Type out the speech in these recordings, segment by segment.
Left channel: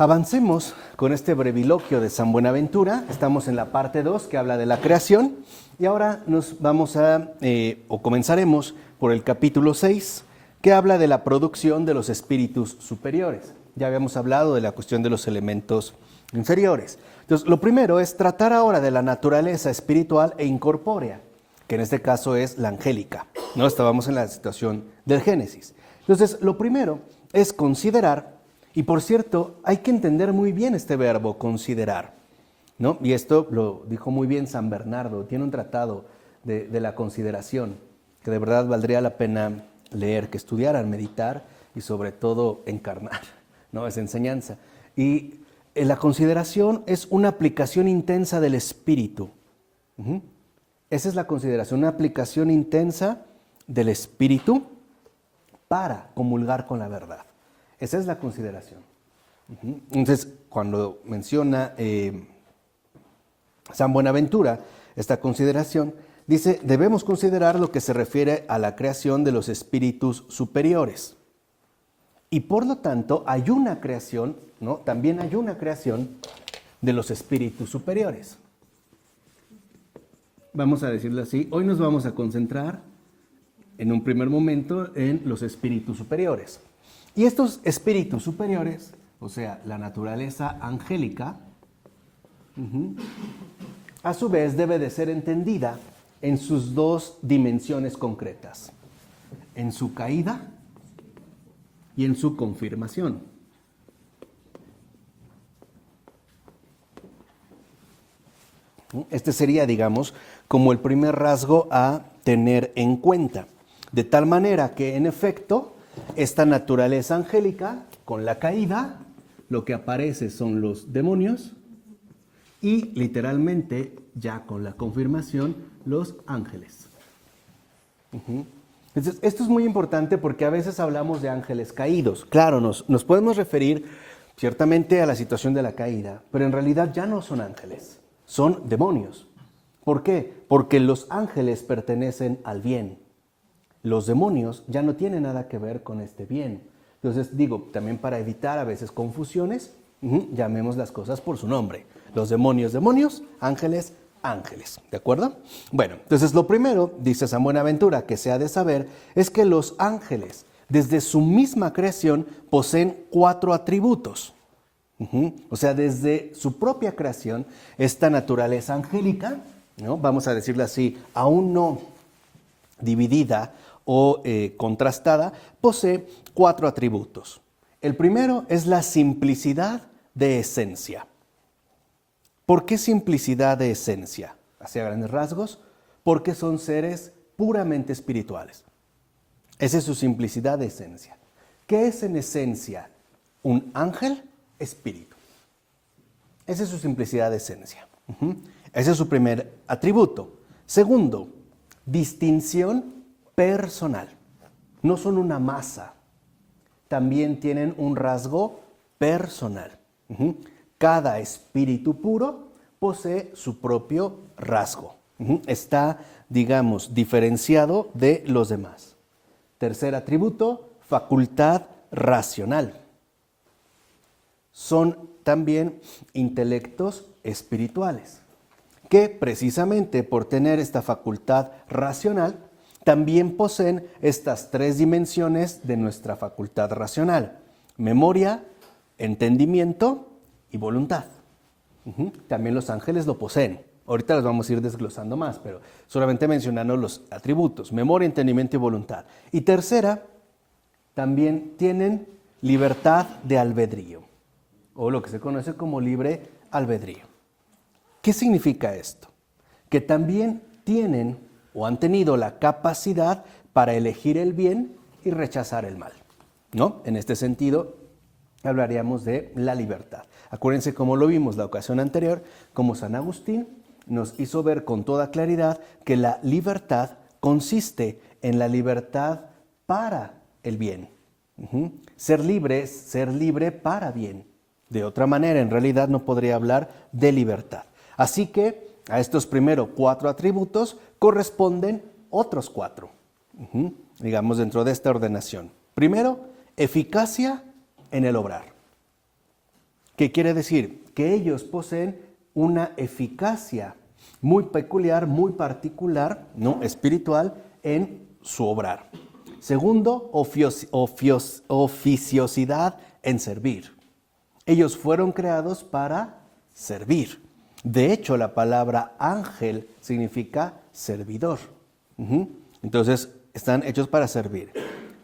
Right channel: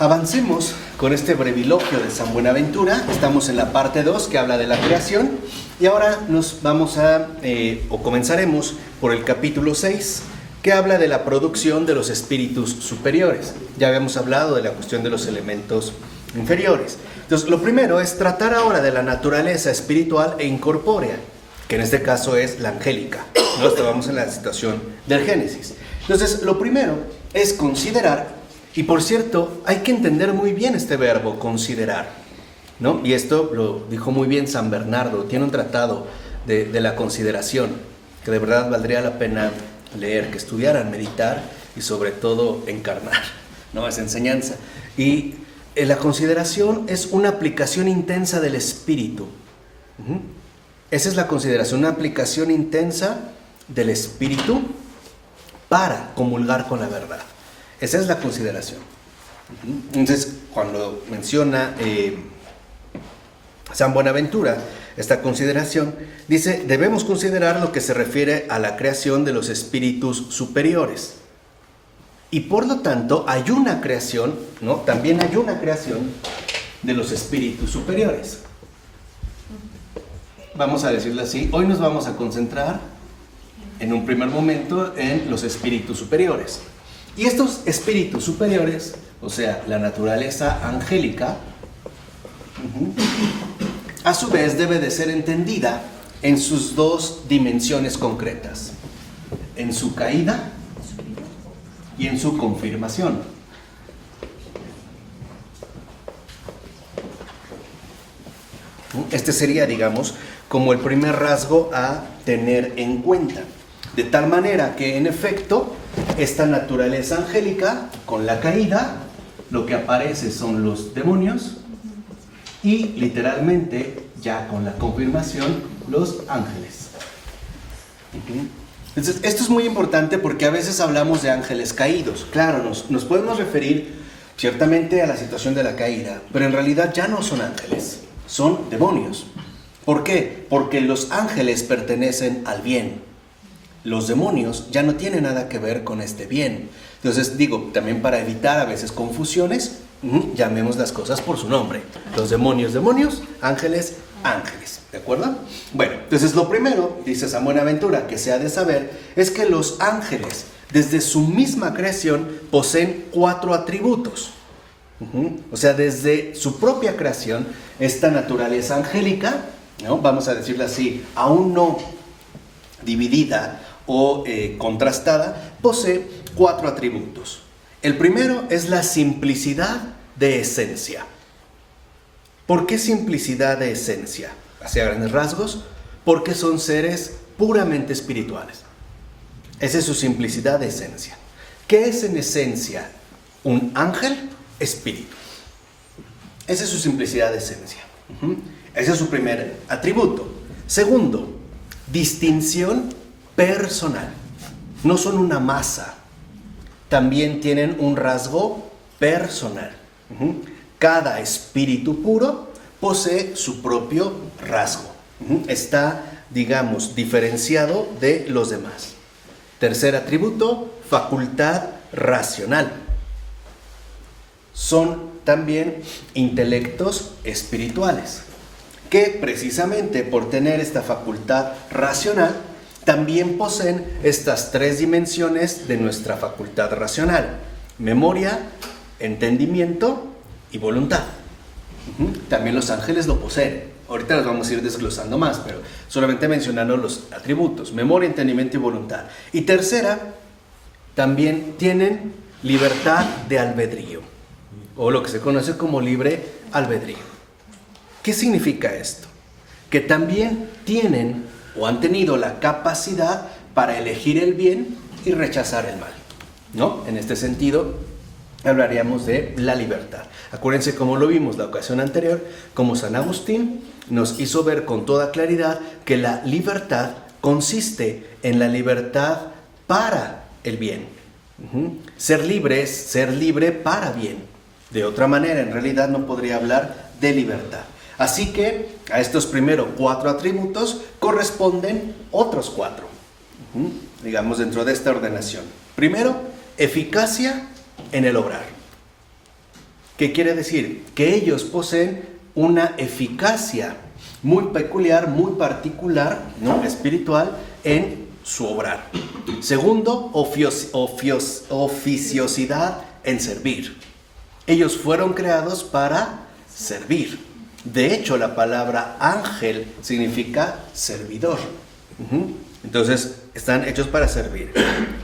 Avancemos con este breviloquio de San Buenaventura. Estamos en la parte 2 que habla de la creación y ahora nos vamos comenzaremos por el capítulo 6 que habla de la producción de los espíritus superiores. Ya habíamos hablado de la cuestión de los elementos inferiores. Entonces, lo primero es tratar ahora de la naturaleza espiritual e incorpórea, que en este caso es la angélica. ¿No? Estábamos en la situación del Génesis. Entonces, lo primero es considerar, y por cierto, hay que entender muy bien este verbo, considerar, ¿no? Y esto lo dijo muy bien San Bernardo, tiene un tratado de la consideración, que de verdad valdría la pena leer, que estudiaran, meditar y sobre todo encarnar, ¿no? Esa enseñanza. Y la consideración es una aplicación intensa del espíritu. Esa es la consideración, una aplicación intensa del espíritu para comulgar con la verdad. Esa es la consideración. Entonces, cuando menciona San Buenaventura esta consideración, dice, debemos considerar lo que se refiere a la creación de los espíritus superiores. Y por lo tanto, hay una creación, ¿no? También hay una creación de los espíritus superiores. Vamos a decirlo así, hoy nos vamos a concentrar en un primer momento en los espíritus superiores. Y estos espíritus superiores, o sea, la naturaleza angélica, a su vez debe de ser entendida en sus dos dimensiones concretas, en su caída y en su confirmación. Este sería, digamos, como el primer rasgo a tener en cuenta. De tal manera que, en efecto, esta naturaleza angélica, con la caída, lo que aparece son los demonios y, literalmente, ya con la confirmación, los ángeles. Entonces, esto es muy importante porque a veces hablamos de ángeles caídos. Claro, nos podemos referir ciertamente a la situación de la caída, pero en realidad ya no son ángeles, son demonios. ¿Por qué? Porque los ángeles pertenecen al bien. Los demonios ya no tienen nada que ver con este bien. Entonces, digo, también para evitar a veces confusiones, llamemos las cosas por su nombre. Los demonios, demonios, ángeles, ángeles. ¿De acuerdo? Bueno, entonces lo primero, dice San Buenaventura, que se ha de saber, es que los ángeles, desde su misma creación, poseen 4 atributos. O sea, desde su propia creación, esta naturaleza angélica, ¿no? Vamos a decirlo así, aún no dividida o contrastada, posee 4 atributos. El primero es la simplicidad de esencia. ¿Por qué simplicidad de esencia? Hacia grandes rasgos, porque son seres puramente espirituales. Esa es su simplicidad de esencia. ¿Qué es en esencia un ángel? Espíritu. Esa es su simplicidad de esencia. Ese es su primer atributo. Segundo, distinción personal. No son una masa. También tienen un rasgo personal. Cada espíritu puro posee su propio rasgo. Está, digamos, diferenciado de los demás. Tercer atributo, facultad racional. Son también intelectos espirituales, que precisamente por tener esta facultad racional, también poseen estas 3 dimensiones de nuestra facultad racional: memoria, entendimiento y voluntad. También los ángeles lo poseen. Ahorita los vamos a ir desglosando más, pero solamente mencionando los atributos: memoria, entendimiento y voluntad. Y tercera, también tienen libertad de albedrío, o lo que se conoce como libre albedrío. ¿Qué significa esto? Que también tienen o han tenido la capacidad para elegir el bien y rechazar el mal, ¿no? En este sentido, hablaríamos de la libertad. Acuérdense cómo lo vimos la ocasión anterior, como San Agustín nos hizo ver con toda claridad que la libertad consiste en la libertad para el bien. Ser libre es ser libre para bien. De otra manera, en realidad no podría hablar de libertad. Así que a estos primeros 4 atributos corresponden otros 4, digamos, dentro de esta ordenación. Primero, eficacia en el obrar. ¿Qué quiere decir? Que ellos poseen una eficacia muy peculiar, muy particular, ¿no? Espiritual en su obrar. Segundo, oficiosidad en servir. Ellos fueron creados para servir. De hecho, la palabra ángel significa servidor. Entonces, están hechos para servir.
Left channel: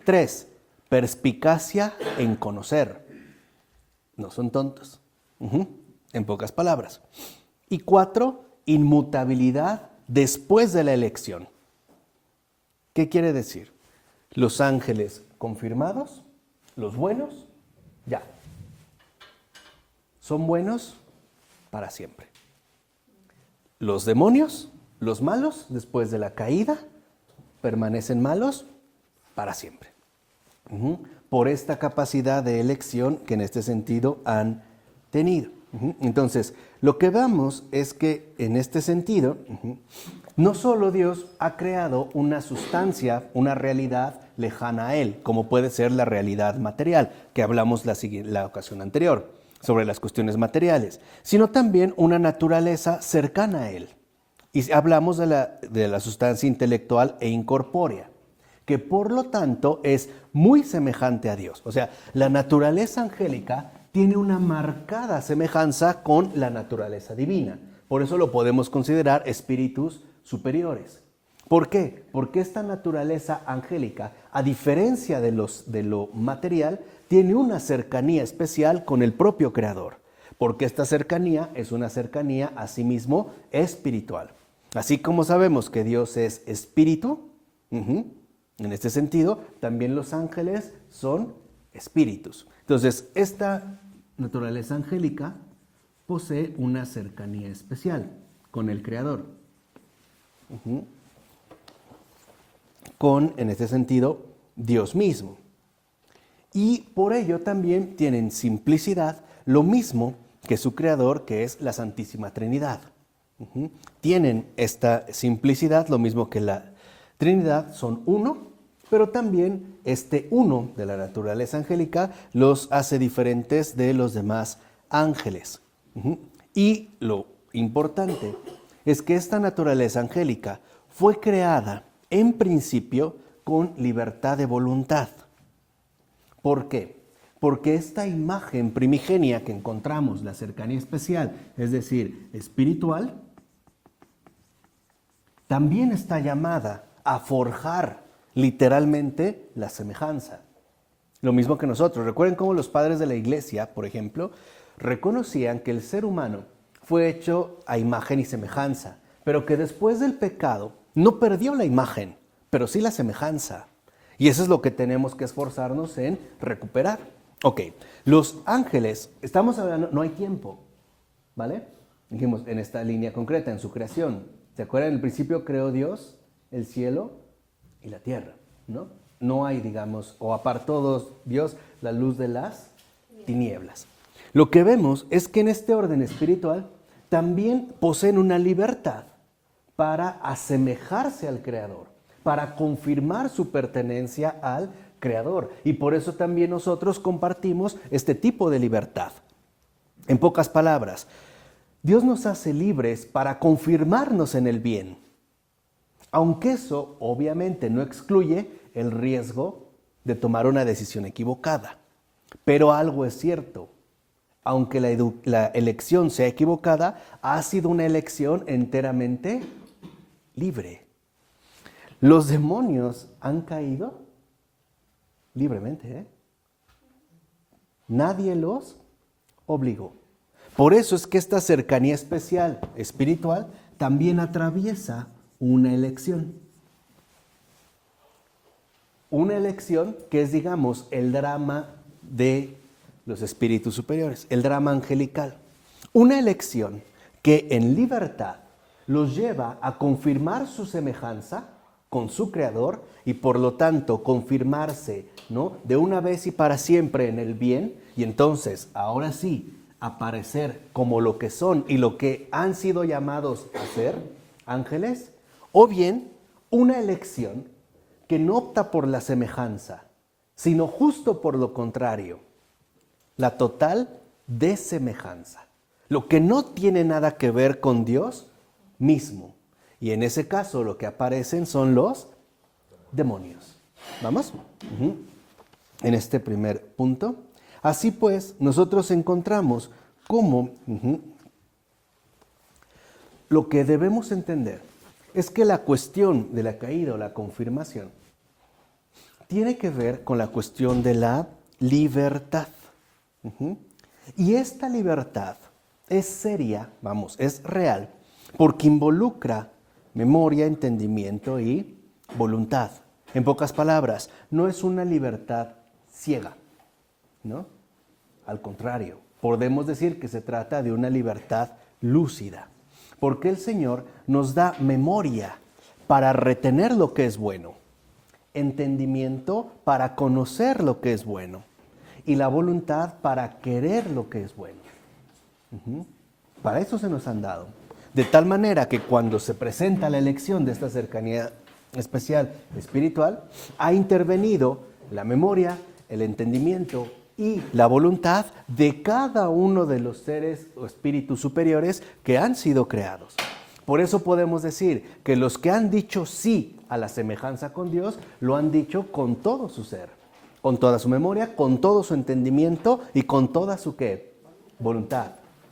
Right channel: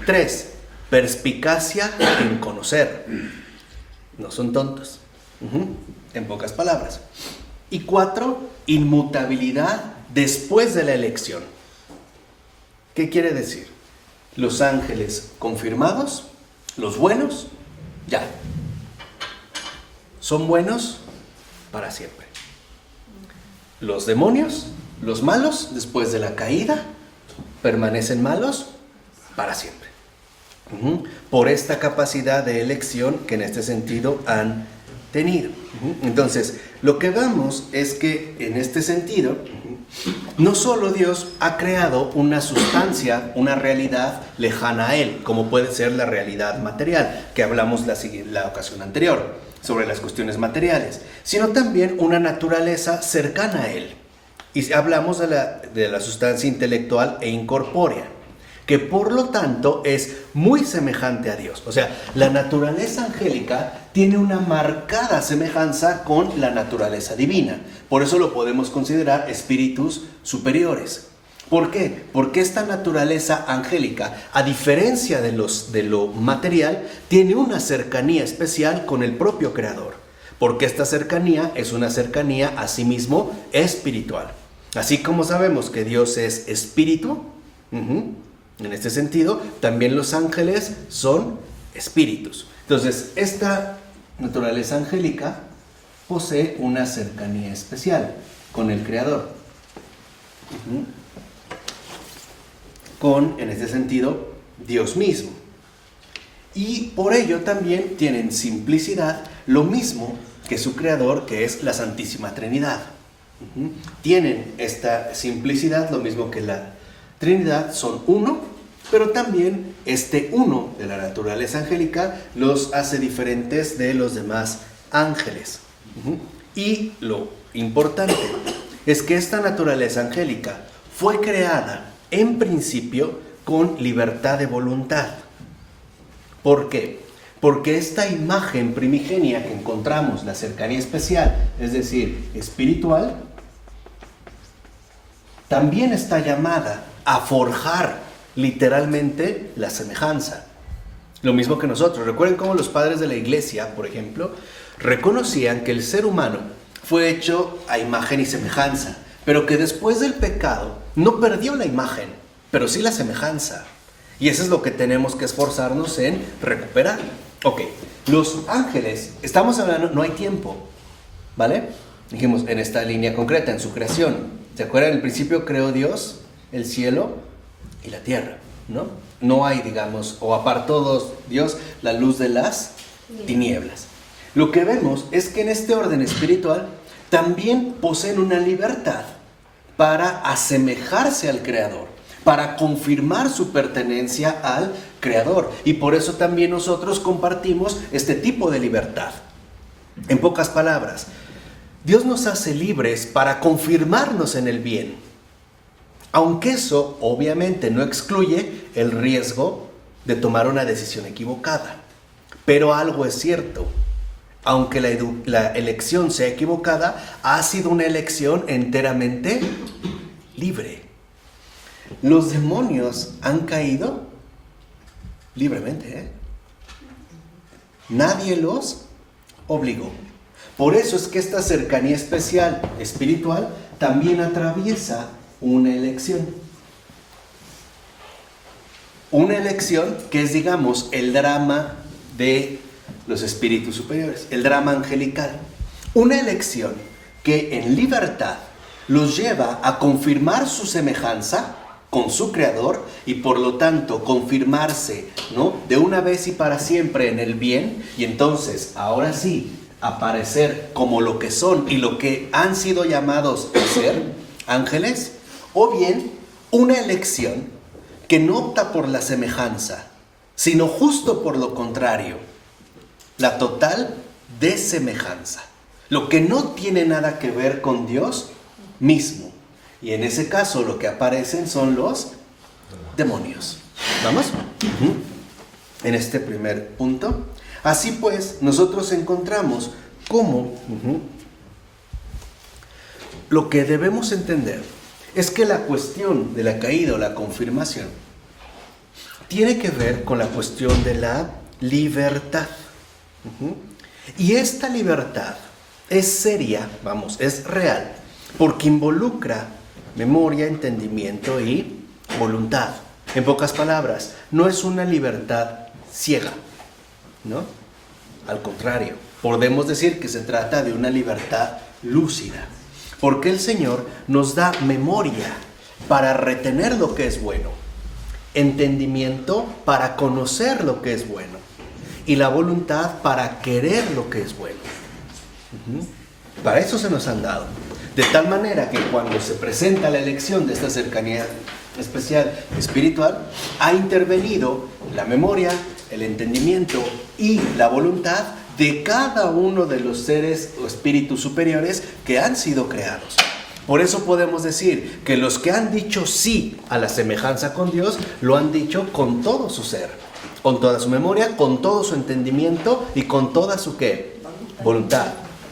3, perspicacia en conocer. No son tontos. En pocas palabras. Y 4, inmutabilidad después de la elección. ¿Qué quiere decir? Los ángeles confirmados, los buenos, ya. Son buenos para siempre. Los demonios, los malos, después de la caída, permanecen malos para siempre. Por esta capacidad de elección que en este sentido han tenido. Entonces, lo que vemos es que en este sentido, no solo Dios ha creado una sustancia, una realidad lejana a Él, como puede ser la realidad material, que hablamos la ocasión anterior, sobre las cuestiones materiales, sino también una naturaleza cercana a Él. Y hablamos de la sustancia intelectual e incorpórea, que por lo tanto es muy semejante a Dios. O sea, la naturaleza angélica tiene una marcada semejanza con la naturaleza divina. Por eso lo podemos considerar espíritus superiores. ¿Por qué? Porque esta naturaleza angélica, a diferencia de lo material, tiene una cercanía especial con el propio Creador. Porque esta cercanía es una cercanía a sí mismo espiritual. Así como sabemos que Dios es espíritu, en este sentido, también los ángeles son espíritus. Entonces, esta naturaleza angélica posee una cercanía especial con el Creador. Con, en este sentido, Dios mismo. Y por ello también tienen simplicidad, lo mismo que su Creador, que es la Santísima Trinidad. Tienen esta simplicidad, lo mismo que la Trinidad, son uno, pero también este uno de la naturaleza angélica los hace diferentes de los demás ángeles. Y lo importante es que esta naturaleza angélica fue creada en principio con libertad de voluntad. ¿Por qué? Porque esta imagen primigenia que encontramos, la cercanía especial, es decir, espiritual, también está llamada a forjar literalmente la semejanza. Lo mismo que nosotros. Recuerden cómo los padres de la iglesia, por ejemplo, reconocían que el ser humano fue hecho a imagen y semejanza, pero que después del pecado no perdió la imagen, pero sí la semejanza. Y eso es lo que tenemos que esforzarnos en recuperar. Ok, los ángeles, estamos hablando, no hay tiempo, ¿vale? Dijimos en esta línea concreta, en su creación. ¿Se acuerdan? En el principio creó Dios el cielo y la tierra, ¿no? No hay, digamos, o apartó Dios la luz de las tinieblas. Lo que vemos es que en este orden espiritual también poseen una libertad para asemejarse al Creador, para confirmar su pertenencia al Creador. Y por eso también nosotros compartimos este tipo de libertad. En pocas palabras, Dios nos hace libres para confirmarnos en el bien. Aunque eso obviamente no excluye el riesgo de tomar una decisión equivocada. Pero algo es cierto. Aunque la elección sea equivocada, ha sido una elección enteramente libre. Los demonios han caído libremente, Nadie los obligó. Por eso es que esta cercanía especial, espiritual, también atraviesa una elección. Una elección que es, digamos, el drama de los espíritus superiores, el drama angelical. Una elección que en libertad los lleva a confirmar su semejanza con su Creador y por lo tanto confirmarse, ¿no?, de una vez y para siempre en el bien, y entonces ahora sí aparecer como lo que son y lo que han sido llamados a ser, ángeles. O bien una elección que no opta por la semejanza, sino justo por lo contrario, la total de semejanza. Lo que no tiene nada que ver con Dios mismo. Y en ese caso lo que aparecen son los demonios. ¿Vamos? En este primer punto. Así pues, nosotros encontramos cómo lo que debemos entender es que la cuestión de la caída o la confirmación tiene que ver con la cuestión de la libertad. Y esta libertad es seria, es real, porque involucra memoria, entendimiento y voluntad. En pocas palabras, no es una libertad ciega, ¿no? Al contrario, podemos decir que se trata de una libertad lúcida, porque el Señor nos da memoria para retener lo que es bueno, entendimiento para conocer lo que es bueno y la voluntad para querer lo que es bueno. Para eso se nos han dado. De tal manera que cuando se presenta la elección de esta cercanía especial espiritual, ha intervenido la memoria, el entendimiento y la voluntad de cada uno de los seres o espíritus superiores que han sido creados. Por eso podemos decir que los que han dicho sí a la semejanza con Dios, lo han dicho con todo su ser, con toda su memoria, con todo su entendimiento y con toda su ¿qué? Voluntad.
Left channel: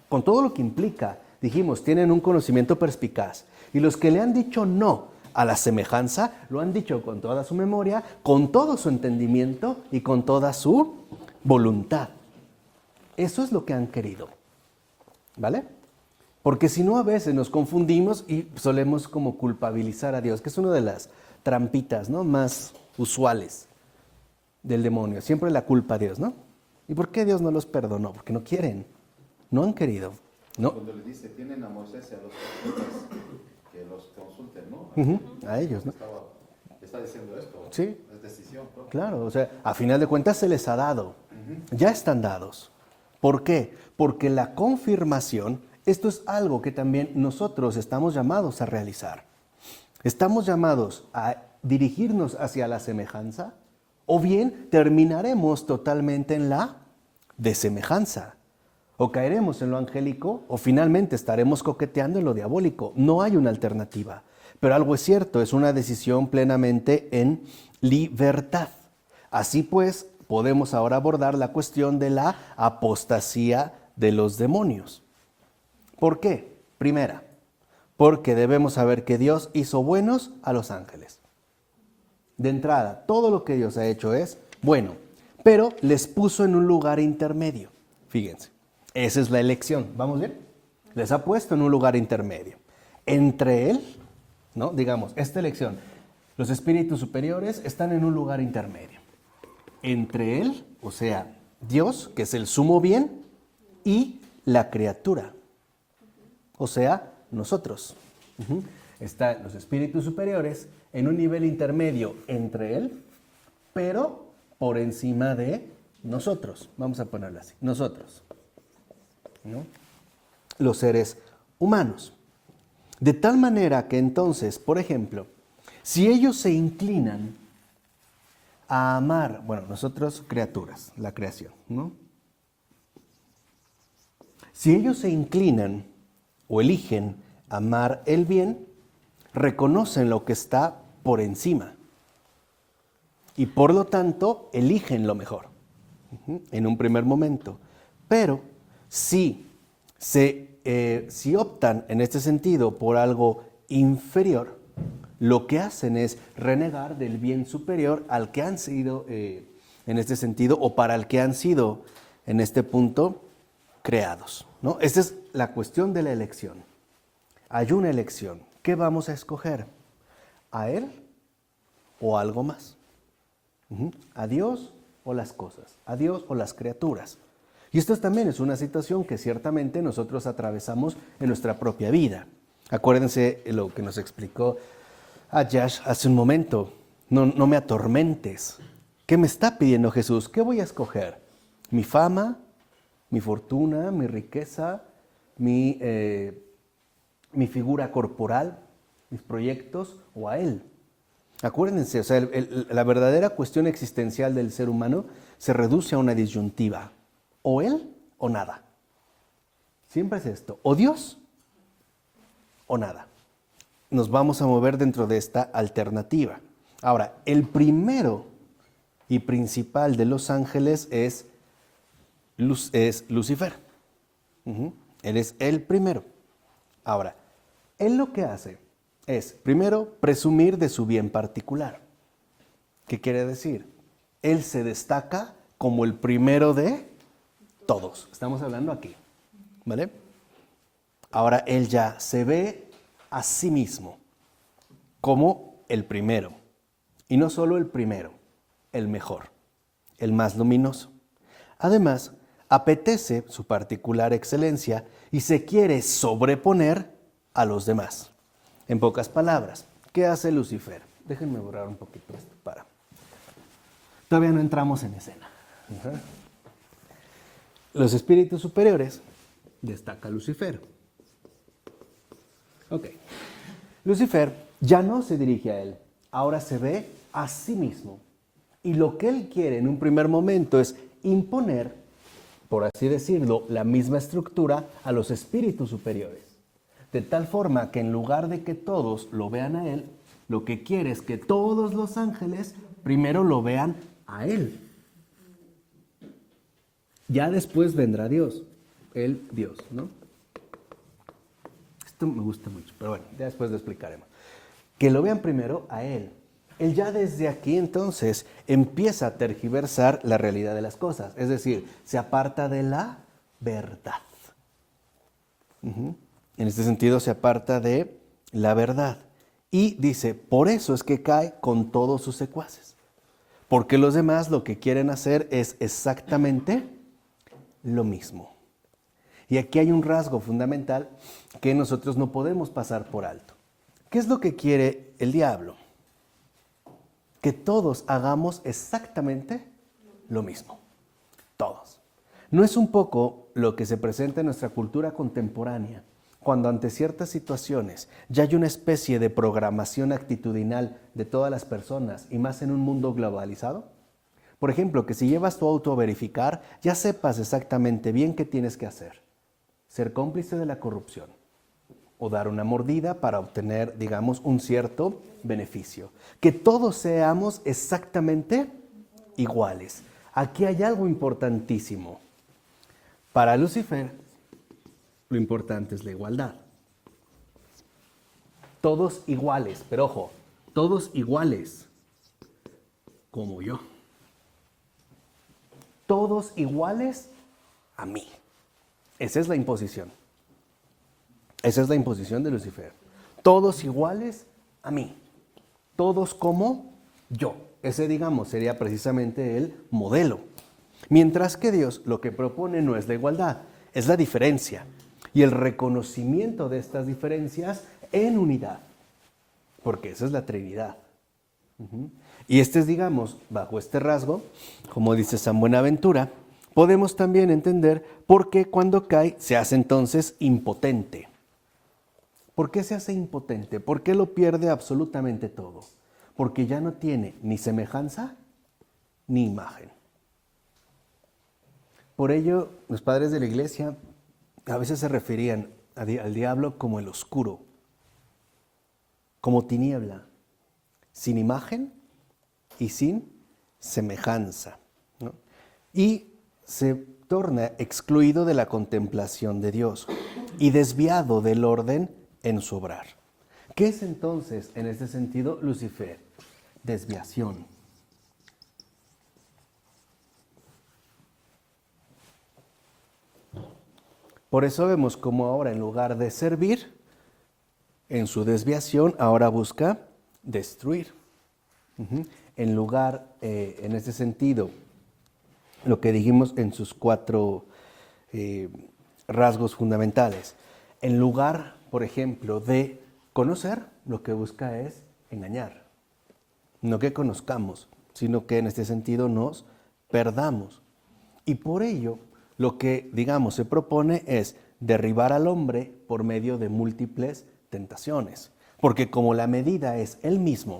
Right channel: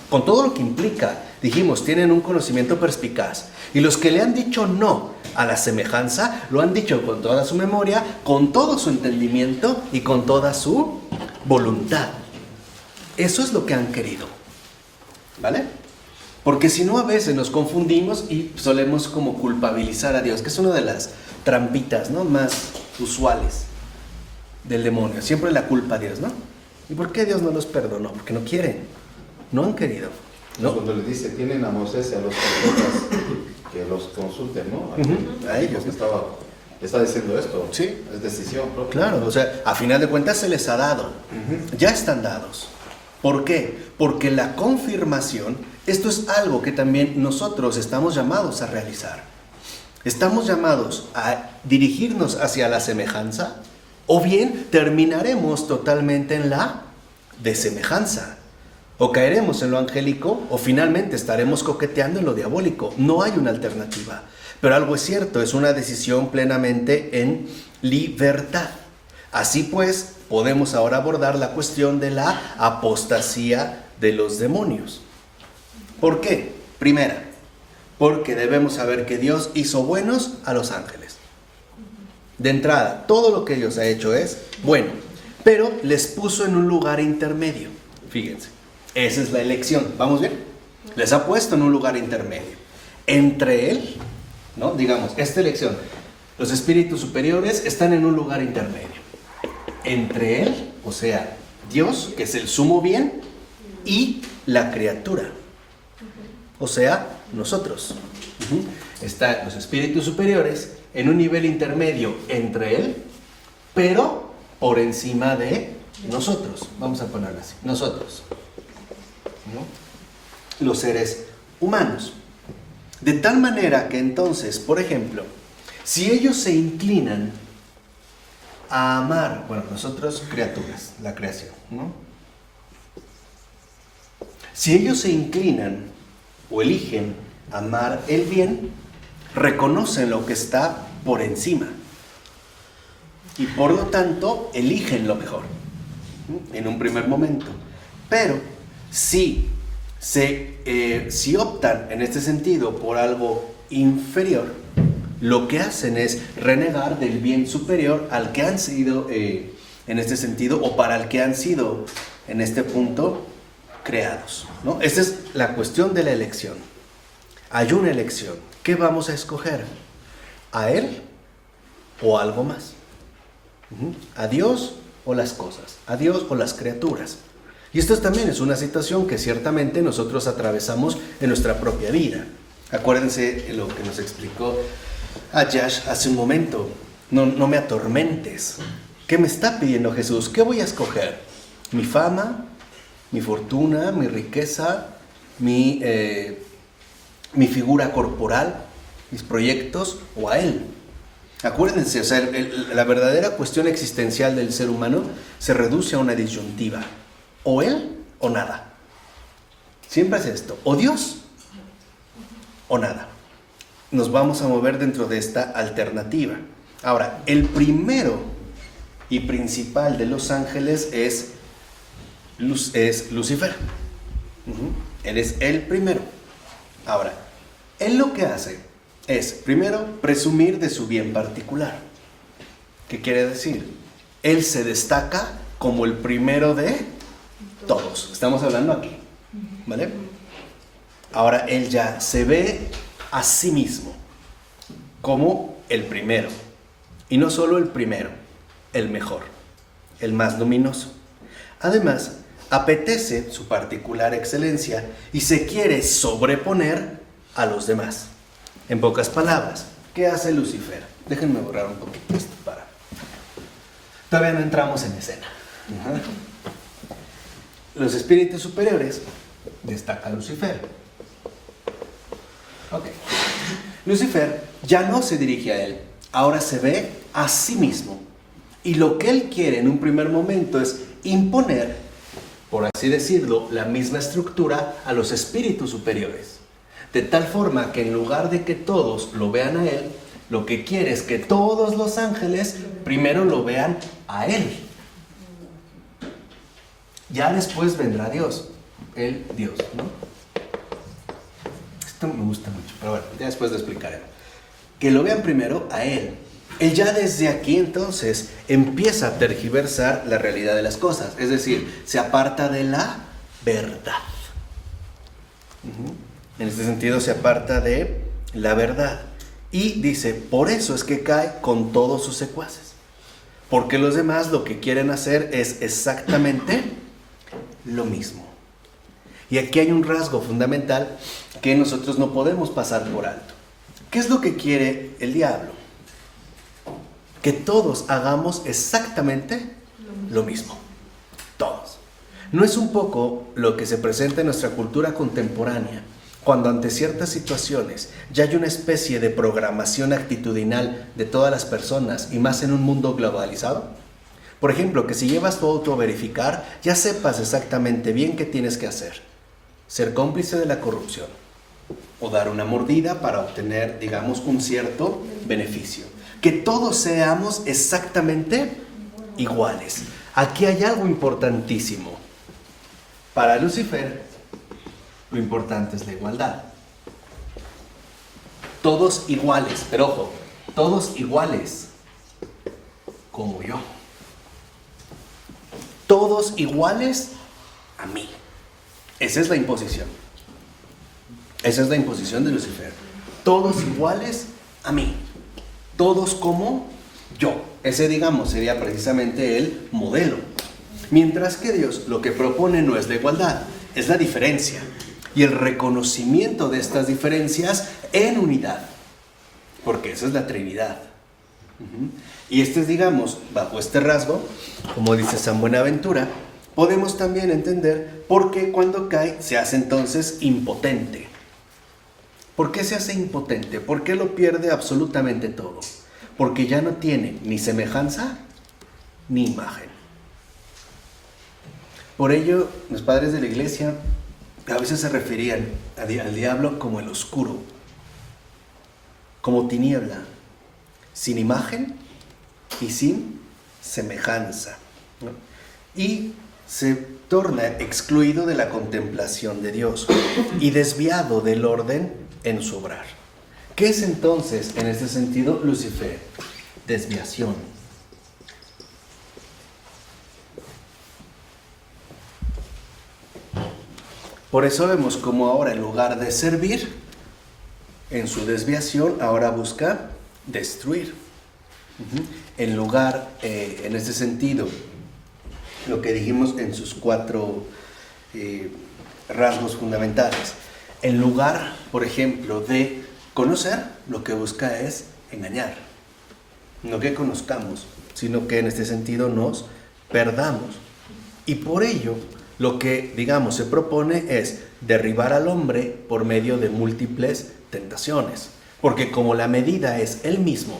Con todo lo que implica, dijimos, tienen un conocimiento perspicaz. Y los que le han dicho no a la semejanza, lo han dicho con toda su memoria, con todo su entendimiento y con toda su voluntad. Eso es lo que han querido, ¿vale? Porque si no, a veces nos confundimos y solemos como culpabilizar a Dios, que es una de las trampitas, ¿no?, más usuales del demonio. Siempre la culpa a Dios, ¿no? ¿Y por qué Dios no los perdonó? Porque no quieren, no han querido, ¿no? Cuando le dice, tienen a Moisés y a los profetas que los consulten, ¿no? A ellos. Está diciendo esto. Sí. Es decisión propia. Claro, o sea, a final de cuentas se les ha dado. Ya están dados. ¿Por qué? Porque la confirmación, esto es algo que también nosotros estamos llamados a realizar. Estamos llamados a dirigirnos hacia la semejanza, o bien terminaremos totalmente en la desemejanza. O caeremos en lo angélico, o finalmente estaremos coqueteando en lo diabólico. No hay una alternativa. Pero algo es cierto, es una decisión plenamente en libertad. Así pues, podemos ahora abordar la cuestión de la apostasía de los demonios. ¿Por qué? Primera, porque debemos saber que Dios hizo buenos a los ángeles. De entrada, todo lo que Dios ha hecho es bueno, pero les puso en un lugar intermedio. Fíjense, esa es la elección. ¿Vamos bien? Les ha puesto en un lugar intermedio. Entre Él, ¿no? Digamos, esta elección, los espíritus superiores están en un lugar intermedio. Entre Él, o sea, Dios, que es el sumo bien, y la criatura, o sea, nosotros. Están los espíritus superiores en un nivel intermedio entre Él, pero por encima de nosotros. Vamos a ponerlo así, nosotros, ¿no? Los seres humanos. De tal manera que entonces, por ejemplo, si ellos se inclinan a amar, bueno, nosotros criaturas, la creación, ¿no? Si ellos se inclinan o eligen amar el bien, reconocen lo que está por encima y por lo tanto eligen lo mejor en un primer momento. Pero si optan en este sentido por algo inferior, lo que hacen es renegar del bien superior al que han sido en este sentido, o para el que han sido en este punto creados, ¿no? Esta es la cuestión de la elección. Hay una elección. ¿Qué vamos a escoger? ¿A Él o algo más? ¿A Dios o las cosas? ¿A Dios o las criaturas? Y esto también es una situación que ciertamente nosotros atravesamos en nuestra propia vida. Acuérdense lo que nos explicó Ayash hace un momento. No me atormentes. ¿Qué me está pidiendo Jesús? ¿Qué voy a escoger? ¿Mi fama? ¿Mi fortuna? ¿Mi riqueza? ¿Mi figura corporal? ¿Mis proyectos? ¿O a Él? Acuérdense, o sea, la verdadera cuestión existencial del ser humano se reduce a una disyuntiva. O Él o nada. Siempre es esto, o Dios o nada. Nos vamos a mover dentro de esta alternativa. Ahora, el primero y principal de los ángeles es Lucifer. Él es el primero. Ahora, él lo que hace es, primero, presumir de su bien particular. ¿Qué quiere decir? Él se destaca como el primero de todos. Estamos hablando aquí, ¿vale? Ahora, él ya se ve a sí mismo como el primero. Y no solo el primero, el mejor, el más luminoso. Además, apetece su particular excelencia y se quiere sobreponer a los demás. En pocas palabras, ¿qué hace Lucifer? Déjenme borrar un poquito esto para... Todavía no entramos en escena. Los espíritus superiores destaca Lucifer. Ok. Lucifer ya no se dirige a él, ahora se ve a sí mismo. Y lo que él quiere en un primer momento es imponer, por así decirlo, la misma estructura a los espíritus superiores. De tal forma que en lugar de que todos lo vean a él, lo que quiere es que todos los ángeles primero lo vean a él. Ya después vendrá Dios, el Dios, ¿no? Esto me gusta mucho, pero bueno, ya después lo explicaré. Que lo vean primero a él. Él ya desde aquí entonces empieza a tergiversar la realidad de las cosas, es decir, se aparta de la verdad. En este sentido se aparta de la verdad. Y dice, por eso es que cae con todos sus secuaces. Porque los demás lo que quieren hacer es exactamente lo mismo. Y aquí hay un rasgo fundamental que nosotros no podemos pasar por alto. ¿Qué es lo que quiere el diablo? Que todos hagamos exactamente lo mismo. Todos. ¿No es un poco lo que se presenta en nuestra cultura contemporánea? Cuando ante ciertas situaciones ya hay una especie de programación actitudinal de todas las personas y más en un mundo globalizado. Por ejemplo, que si llevas tu auto a verificar, ya sepas exactamente bien qué tienes que hacer. Ser cómplice de la corrupción o dar una mordida para obtener, digamos, un cierto beneficio. Que todos seamos exactamente iguales. Aquí hay algo importantísimo. Para Lucifer, lo importante es la igualdad. Todos iguales, pero ojo, todos iguales, como yo. Todos iguales a mí. Esa es la imposición. Esa es la imposición de Lucifer. Todos iguales a mí. Todos como yo. Ese, digamos, sería precisamente el modelo. Mientras que Dios lo que propone no es la igualdad, es la diferencia. Y el reconocimiento de estas diferencias en unidad. Porque esa es la Trinidad. Y este es, digamos, bajo este rasgo, como dice San Buenaventura, podemos también entender por qué cuando cae se hace entonces impotente. ¿Por qué se hace impotente? ¿Por qué lo pierde absolutamente todo? Porque ya no tiene ni semejanza ni imagen. Por ello, los padres de la Iglesia a veces se referían al diablo como el oscuro, como tiniebla, sin imagen y sin semejanza, ¿no? Y se torna excluido de la contemplación de Dios y desviado del orden en su obrar. ¿Qué es entonces, en este sentido, Lucifer? Desviación. Por eso vemos como ahora, en lugar de servir, en su desviación, ahora busca destruir. En lugar, en este sentido, lo que dijimos en sus 4 rasgos fundamentales. En lugar, por ejemplo, de conocer, lo que busca es engañar. No que conozcamos, sino que en este sentido nos perdamos. Y por ello, lo que, digamos, se propone es derribar al hombre por medio de múltiples tentaciones. Porque como la medida es él mismo,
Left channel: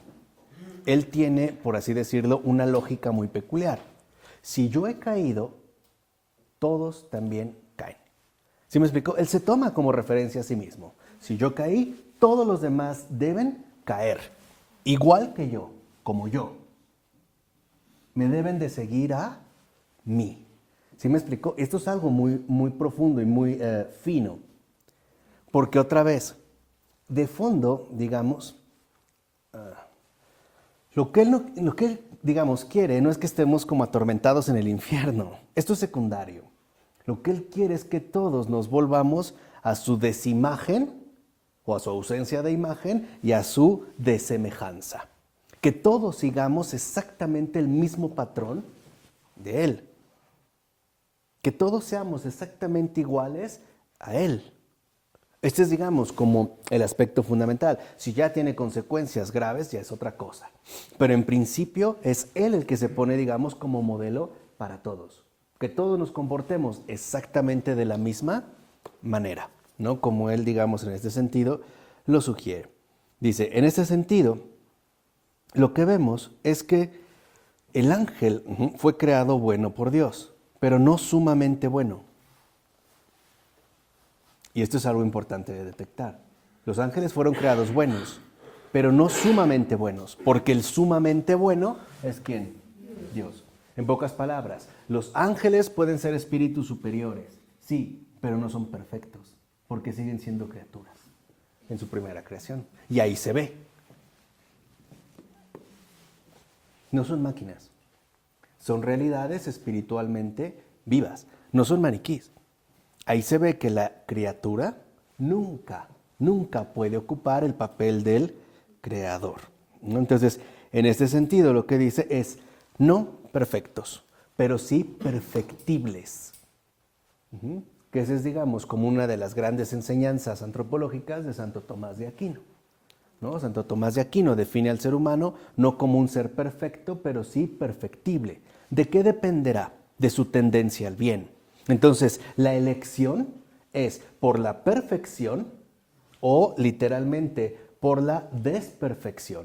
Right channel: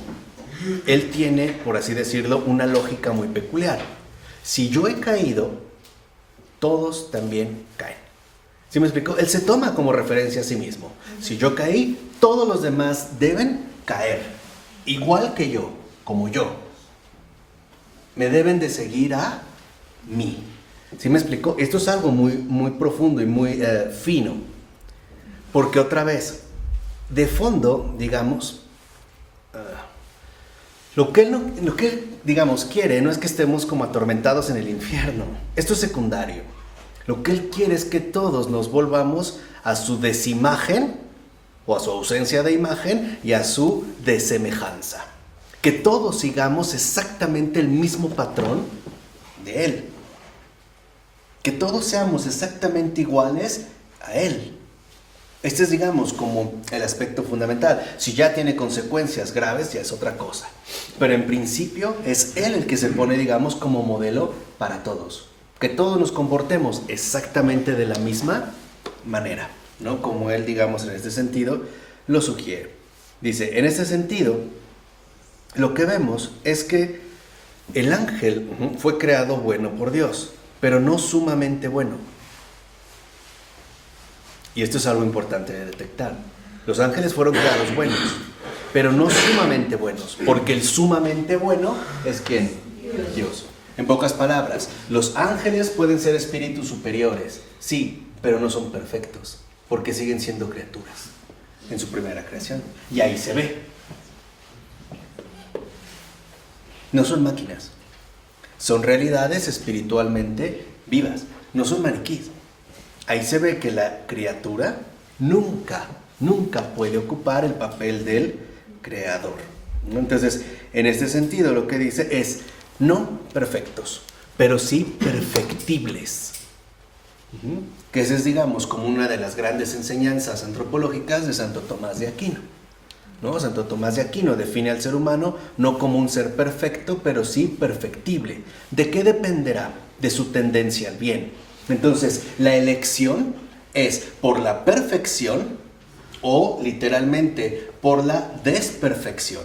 él tiene, por así decirlo, una lógica muy peculiar. Si yo he caído, todos también caen. ¿Sí me explico? Él se toma como referencia a sí mismo. Si yo caí, todos los demás deben caer, igual que yo, como yo. Me deben de seguir a mí. ¿Sí me explico? Esto es algo muy, muy profundo y muy fino. Porque otra vez, de fondo, digamos, lo que él, digamos, quiere no es que estemos como atormentados en el infierno. Esto es secundario. Lo que él quiere es que todos nos volvamos a su desimagen o a su ausencia de imagen y a su desemejanza. Que todos sigamos exactamente el mismo patrón de él. Que todos seamos exactamente iguales a él. Este es, digamos, como el aspecto fundamental. Si ya tiene consecuencias graves, ya es otra cosa. Pero en principio es él el que se pone, digamos, como modelo para todos. Que todos nos comportemos exactamente de la misma manera, ¿no? Como él, digamos, en este sentido, lo sugiere. Dice, en este sentido, lo que vemos es que el ángel fue creado bueno por Dios, pero no sumamente bueno. Y esto es algo importante de detectar. Los ángeles fueron creados buenos, pero no sumamente buenos, porque el sumamente bueno es ¿quién? Dios. En pocas palabras, los ángeles pueden ser espíritus superiores, sí, pero no son perfectos, porque siguen siendo criaturas en su primera creación. Y ahí se ve. No son máquinas, son realidades espiritualmente vivas, no son maniquíes. Ahí se ve que la criatura nunca puede ocupar el papel del creador. Entonces, en este sentido, lo que dice es, no perfectos, pero sí perfectibles. Que esa es, digamos, como una de las grandes enseñanzas antropológicas de Santo Tomás de Aquino. ¿No? Santo Tomás de Aquino define al ser humano no como un ser perfecto, pero sí perfectible. ¿De qué dependerá? De su tendencia al bien. Entonces, la elección es por la perfección o literalmente por la desperfección,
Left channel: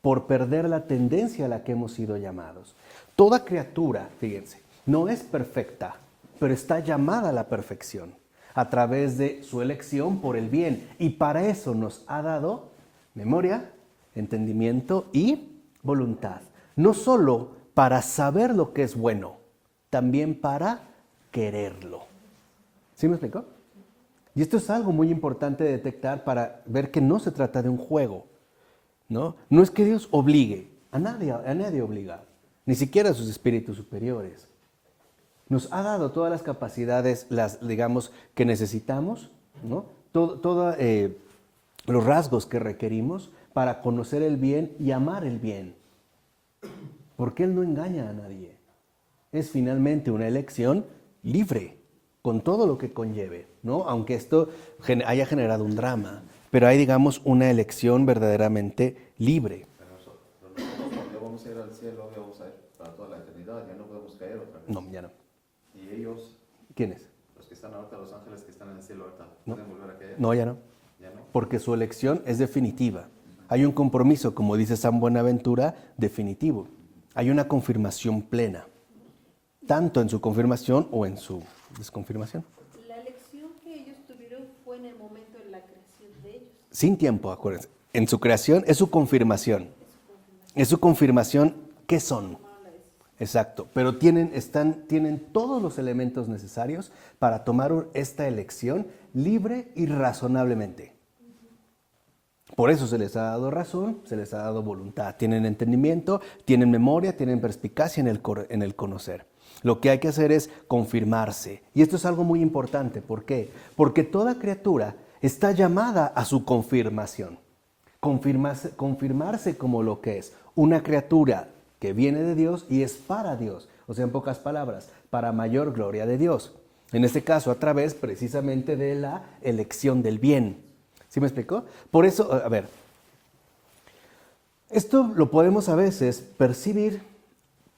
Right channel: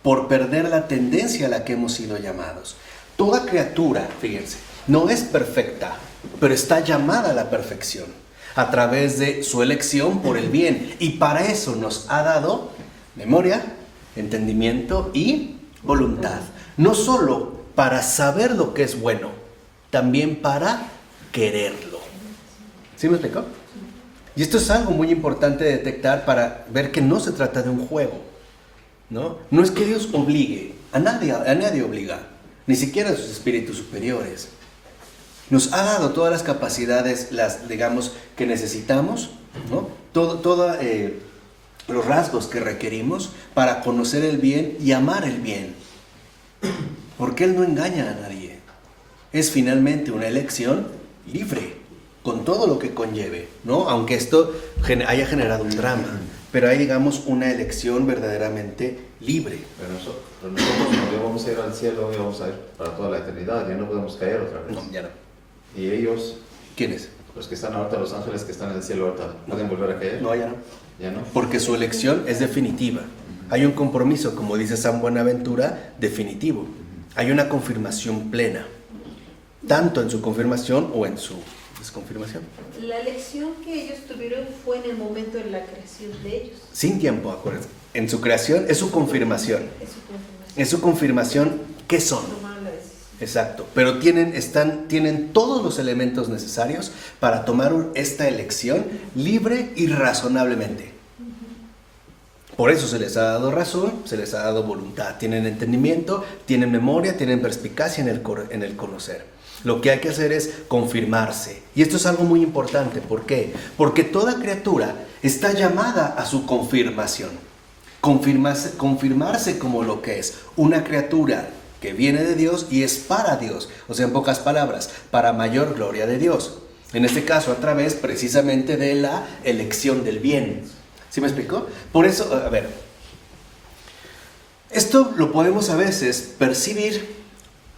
por perder la tendencia a la que hemos sido llamados. Toda criatura, fíjense, no es perfecta, pero está llamada a la perfección a través de su elección por el bien. Y para eso nos ha dado memoria, entendimiento y voluntad. No solo para saber lo que es bueno, también para quererlo. ¿Sí me explico? Y esto es algo muy importante de detectar para ver que no se trata de un juego, ¿no? No es que Dios obligue, a nadie obliga, ni siquiera a sus espíritus superiores. Nos ha dado todas las capacidades, digamos, que necesitamos, ¿no? Todos los rasgos que requerimos para conocer el bien y amar el bien. Porque Él no engaña a nadie. Es finalmente una elección libre, con todo lo que conlleve, ¿no? Aunque esto haya generado un drama, pero hay, digamos, una elección verdaderamente libre. Pero nosotros cuando vamos a ir al cielo, vamos a ir para toda la eternidad, ya no podemos caer otra vez. No, ya no. ¿Y ellos? ¿Quiénes? Los que están ahorita, los ángeles que están en el cielo ahorita, ¿pueden volver a caer? No, ya no. ¿Ya no? Porque su elección es definitiva. Hay un compromiso, como dice San Buenaventura, definitivo. Hay una confirmación plena, tanto en su confirmación o en su desconfirmación. La elección que ellos tuvieron fue en el momento de la creación de ellos. Sin tiempo, acuérdense. En su creación es su confirmación. Es su confirmación. Es su confirmación, ¿qué son? Tomaron la decisión. Exacto, pero tienen todos los elementos necesarios para tomar esta elección libre y razonablemente. Por eso se les ha dado razón, se les ha dado voluntad, tienen entendimiento, tienen memoria, tienen perspicacia en el conocer. Lo que hay que hacer es confirmarse. Y esto es algo muy importante. ¿Por qué? Porque toda criatura está llamada a su confirmación. Confirmarse como lo que es una criatura que viene de Dios y es para Dios. O sea, en pocas palabras, para mayor gloria de Dios. En este caso, a través precisamente de la elección del bien. ¿Sí me explicó? Por eso, a ver, esto lo podemos a veces percibir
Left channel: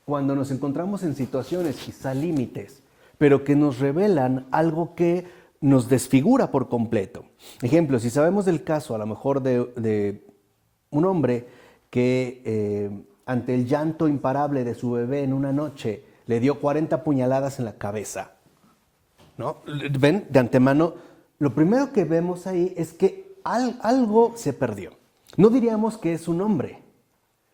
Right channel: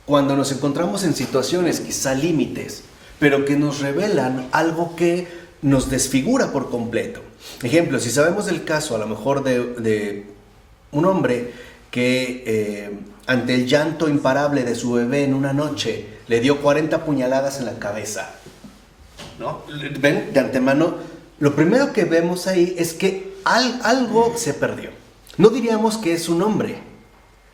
cuando nos encontramos en situaciones quizá límites, pero que nos revelan algo que nos desfigura por completo. Ejemplo, si sabemos del caso a lo mejor de un hombre que ante el llanto imparable de su bebé en una noche le dio 40 puñaladas en la cabeza, ¿no? Ven, de antemano, lo primero que vemos ahí es que algo se perdió. No diríamos que es un hombre,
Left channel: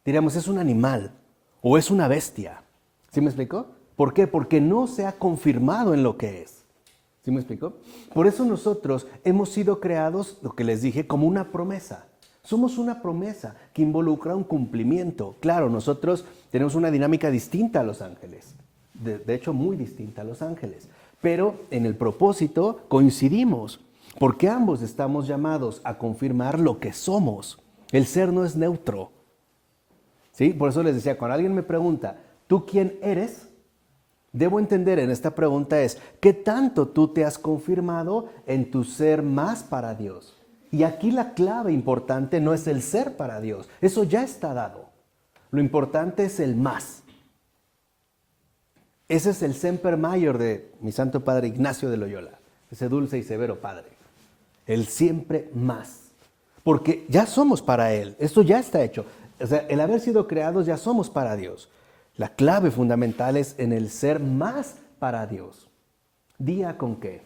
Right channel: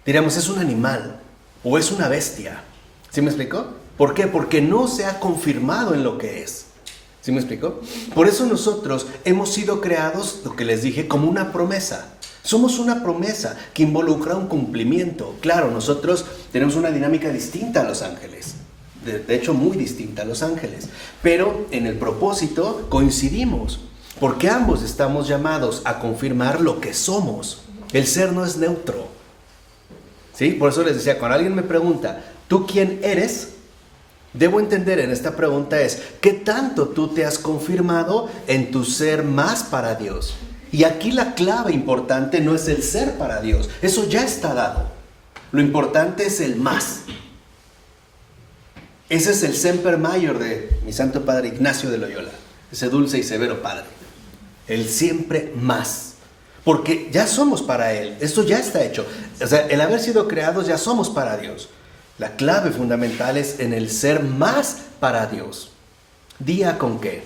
diríamos es un animal o es una bestia. ¿Sí me explico? ¿Por qué? Porque no se ha confirmado en lo que es. ¿Sí me explico? Por eso nosotros hemos sido creados, lo que les dije, como una promesa. Somos una promesa que involucra un cumplimiento. Claro, nosotros tenemos una dinámica distinta a los ángeles. De hecho, muy distinta a los ángeles. Pero en el propósito coincidimos. Porque ambos estamos llamados a confirmar lo que somos. El ser no es neutro. ¿Sí? Por eso les decía, cuando alguien me pregunta, ¿tú quién eres? Debo entender en esta pregunta es, ¿qué tanto tú te has confirmado en tu ser más para Dios? Y aquí la clave importante no es el ser para Dios, eso ya está dado. Lo importante es el más. Ese es el Semper Mayor de mi santo padre Ignacio de Loyola, ese dulce y severo padre. El siempre más. Porque ya somos para Él, esto ya está hecho. O sea, el haber sido creados ya somos para Dios. La clave fundamental es en el ser más para Dios. ¿Día con qué?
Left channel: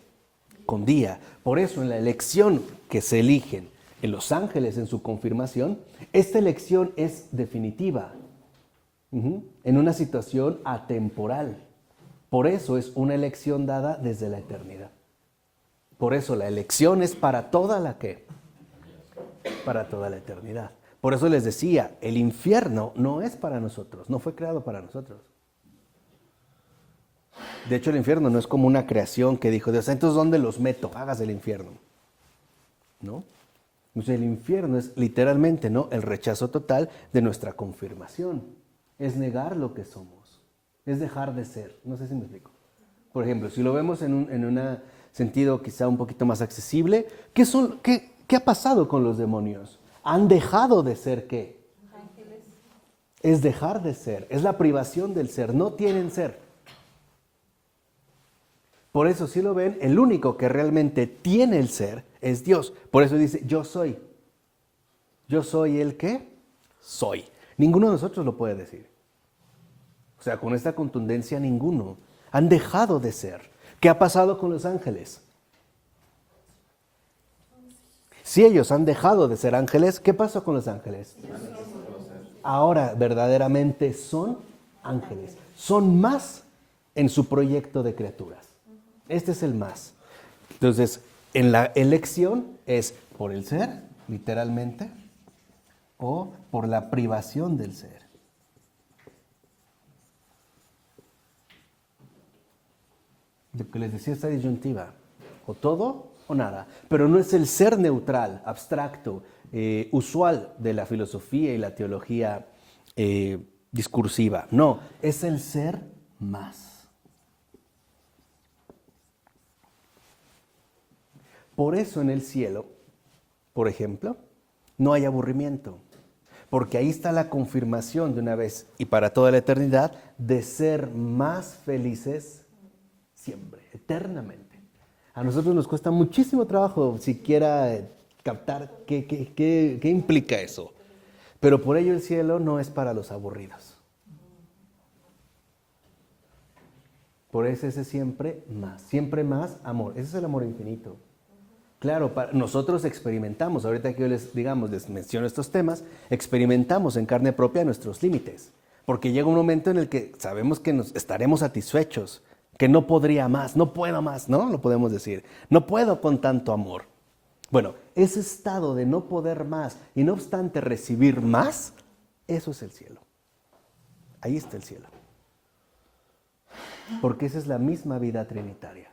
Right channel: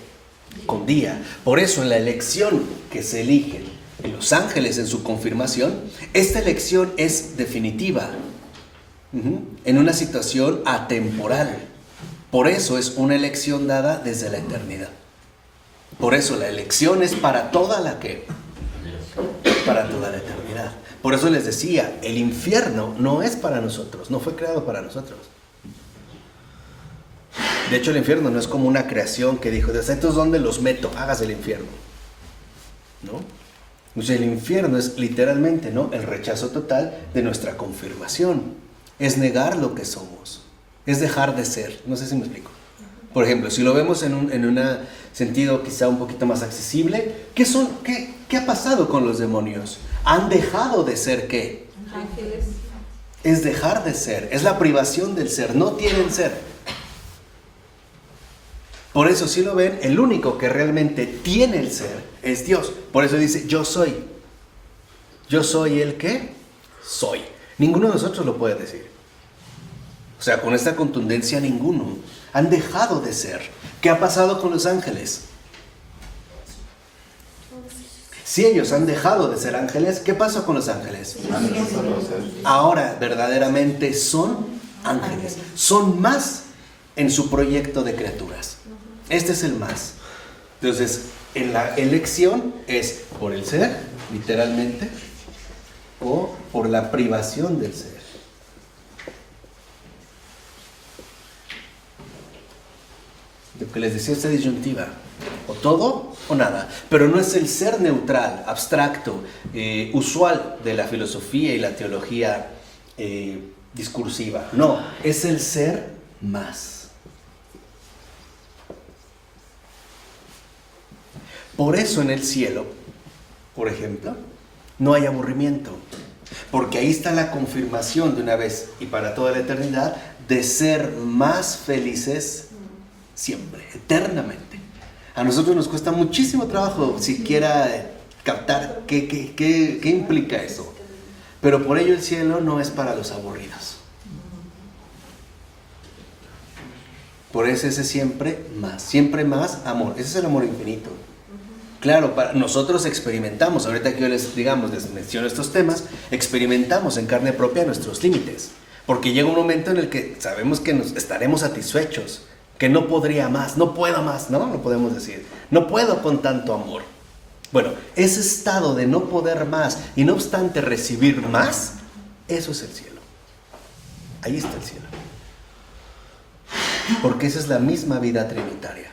Con día. Por eso en la elección que se elige en los ángeles en su confirmación, esta elección es definitiva. En una situación atemporal. Por eso es una elección dada desde la eternidad. Por eso la elección es para toda la que, para toda la eternidad. Por eso les decía, el infierno no es para nosotros, no fue creado para nosotros. De hecho, el infierno no es como una creación que dijo, entonces ¿dónde los meto? Hagas el infierno. ¿No? O sea, el infierno es literalmente, ¿no?, el rechazo total de nuestra confirmación. Es negar lo que somos. Es dejar de ser. No sé si me explico. Por ejemplo, si lo vemos en un sentido quizá un poquito más accesible, ¿qué ha pasado con los demonios? ¿Han dejado de ser qué? Ángeles. Es dejar de ser. Es la privación del ser. No tienen ser. Por eso, si lo ven, el único que realmente tiene el ser es Dios. Por eso dice, yo soy. Yo soy el que soy. Ninguno de nosotros lo puede decir. O sea, con esta contundencia ninguno. Han dejado de ser. ¿Qué ha pasado con los ángeles? Si ellos han dejado de ser ángeles, ¿qué pasa con los ángeles? Ahora verdaderamente son ángeles. Son más en su proyecto de criaturas. Este es el más. Entonces, en la elección es por el ser, literalmente, o por la privación del ser. Lo que les decía, esta disyuntiva. O todo o nada. Pero no es el ser neutral, abstracto, usual de la filosofía y la teología discursiva. No, es el ser más. Por eso en el cielo, por ejemplo, no hay aburrimiento. Porque ahí está la confirmación de una vez y para toda la eternidad de ser más felices siempre, eternamente. A nosotros nos cuesta muchísimo trabajo siquiera captar qué implica eso. Pero por ello el cielo no es para los aburridos. Por eso ese siempre más amor. Ese es el amor infinito. Claro, nosotros experimentamos, ahorita que yo les menciono estos temas, experimentamos en carne propia nuestros límites. Porque llega un momento en el que sabemos que estaremos satisfechos. Que no podría más, no puedo más, ¿no? No podemos decir, no puedo con tanto amor. Bueno, ese estado de no poder más y no obstante recibir más, eso es el cielo. Ahí está el cielo. Porque esa es la misma vida trinitaria.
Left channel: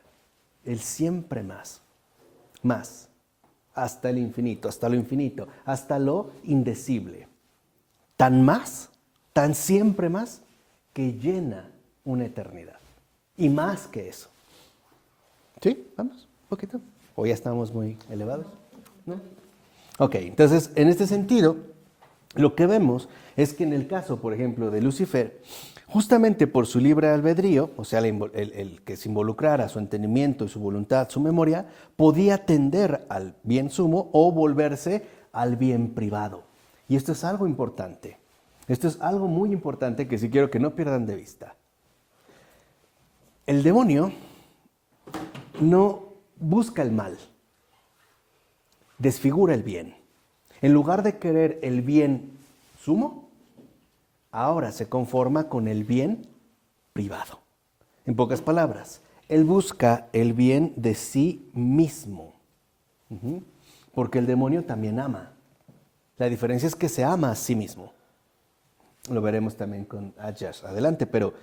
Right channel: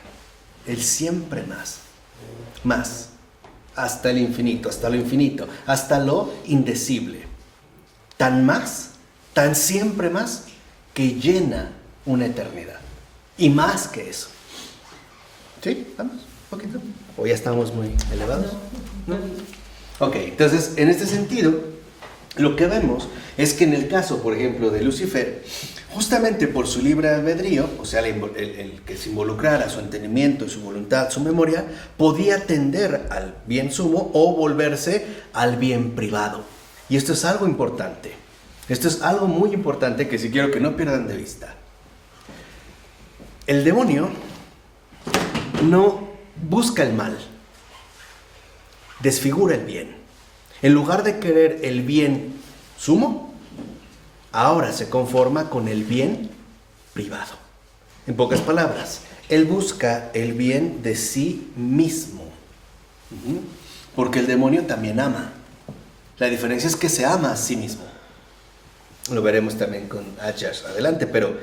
El siempre más, hasta el infinito, hasta lo infinito, hasta lo indecible. Tan más, tan siempre más, que llena una eternidad. Y más que eso. ¿Sí? ¿Vamos? ¿Un poquito? ¿O ya estamos muy elevados? ¿No? Ok, entonces, en este sentido, lo que vemos es que en el caso, por ejemplo, de Lucifer, justamente por su libre albedrío, o sea, el que se involucrara su entendimiento, su voluntad, su memoria, podía tender al bien sumo o volverse al bien privado. Y esto es algo importante. Esto es algo muy importante que sí quiero que no pierdan de vista. El demonio no busca el mal, desfigura el bien. En lugar de querer el bien sumo, ahora se conforma con el bien privado. En pocas palabras, él busca el bien de sí mismo. Porque el demonio también ama. La diferencia es que se ama a sí mismo. Lo veremos también con Ajax adelante, pero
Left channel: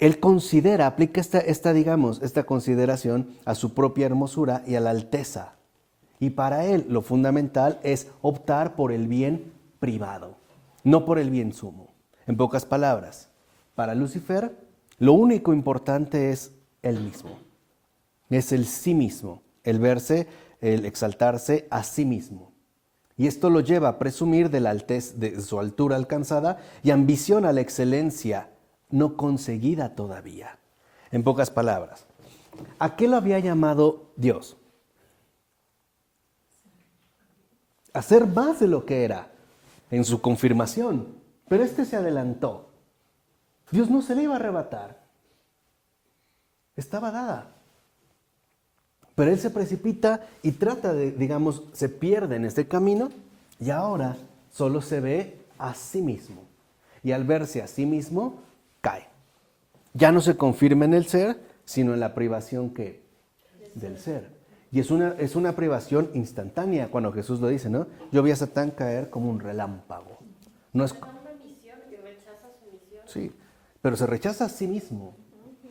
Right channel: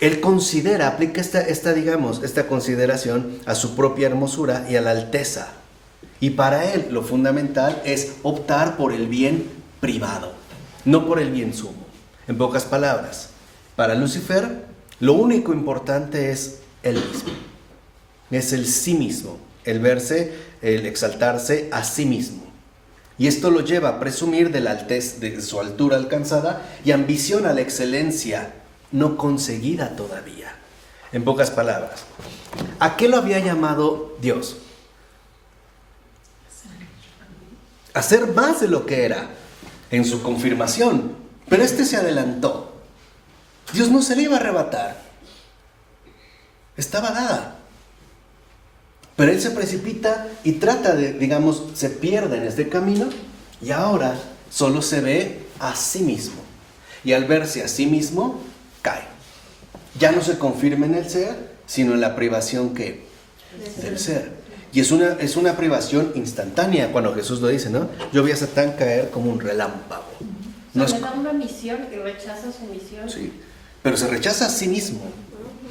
él considera, aplica esta consideración a su propia hermosura y a la alteza. Y para él lo fundamental es optar por el bien privado, no por el bien sumo. En pocas palabras, para Lucifer lo único importante es él mismo. Es el sí mismo, el exaltarse a sí mismo. Y esto lo lleva a presumir de la altez de su altura alcanzada y ambiciona la excelencia no conseguida todavía. En pocas palabras, ¿a qué lo había llamado Dios? A ser más de lo que era en su confirmación. Pero se adelantó. Dios no se le iba a arrebatar. Estaba dada. Pero él se precipita y trata se pierde en este camino y ahora solo se ve a sí mismo. Y al verse a sí mismo, cae. Ya no se confirma en el ser, sino en la privación del ser. Y es una privación instantánea, cuando Jesús lo dice, ¿no? Yo vi a Satán caer como un relámpago. No le da una misión y rechaza su misión. Sí, pero se rechaza a sí mismo.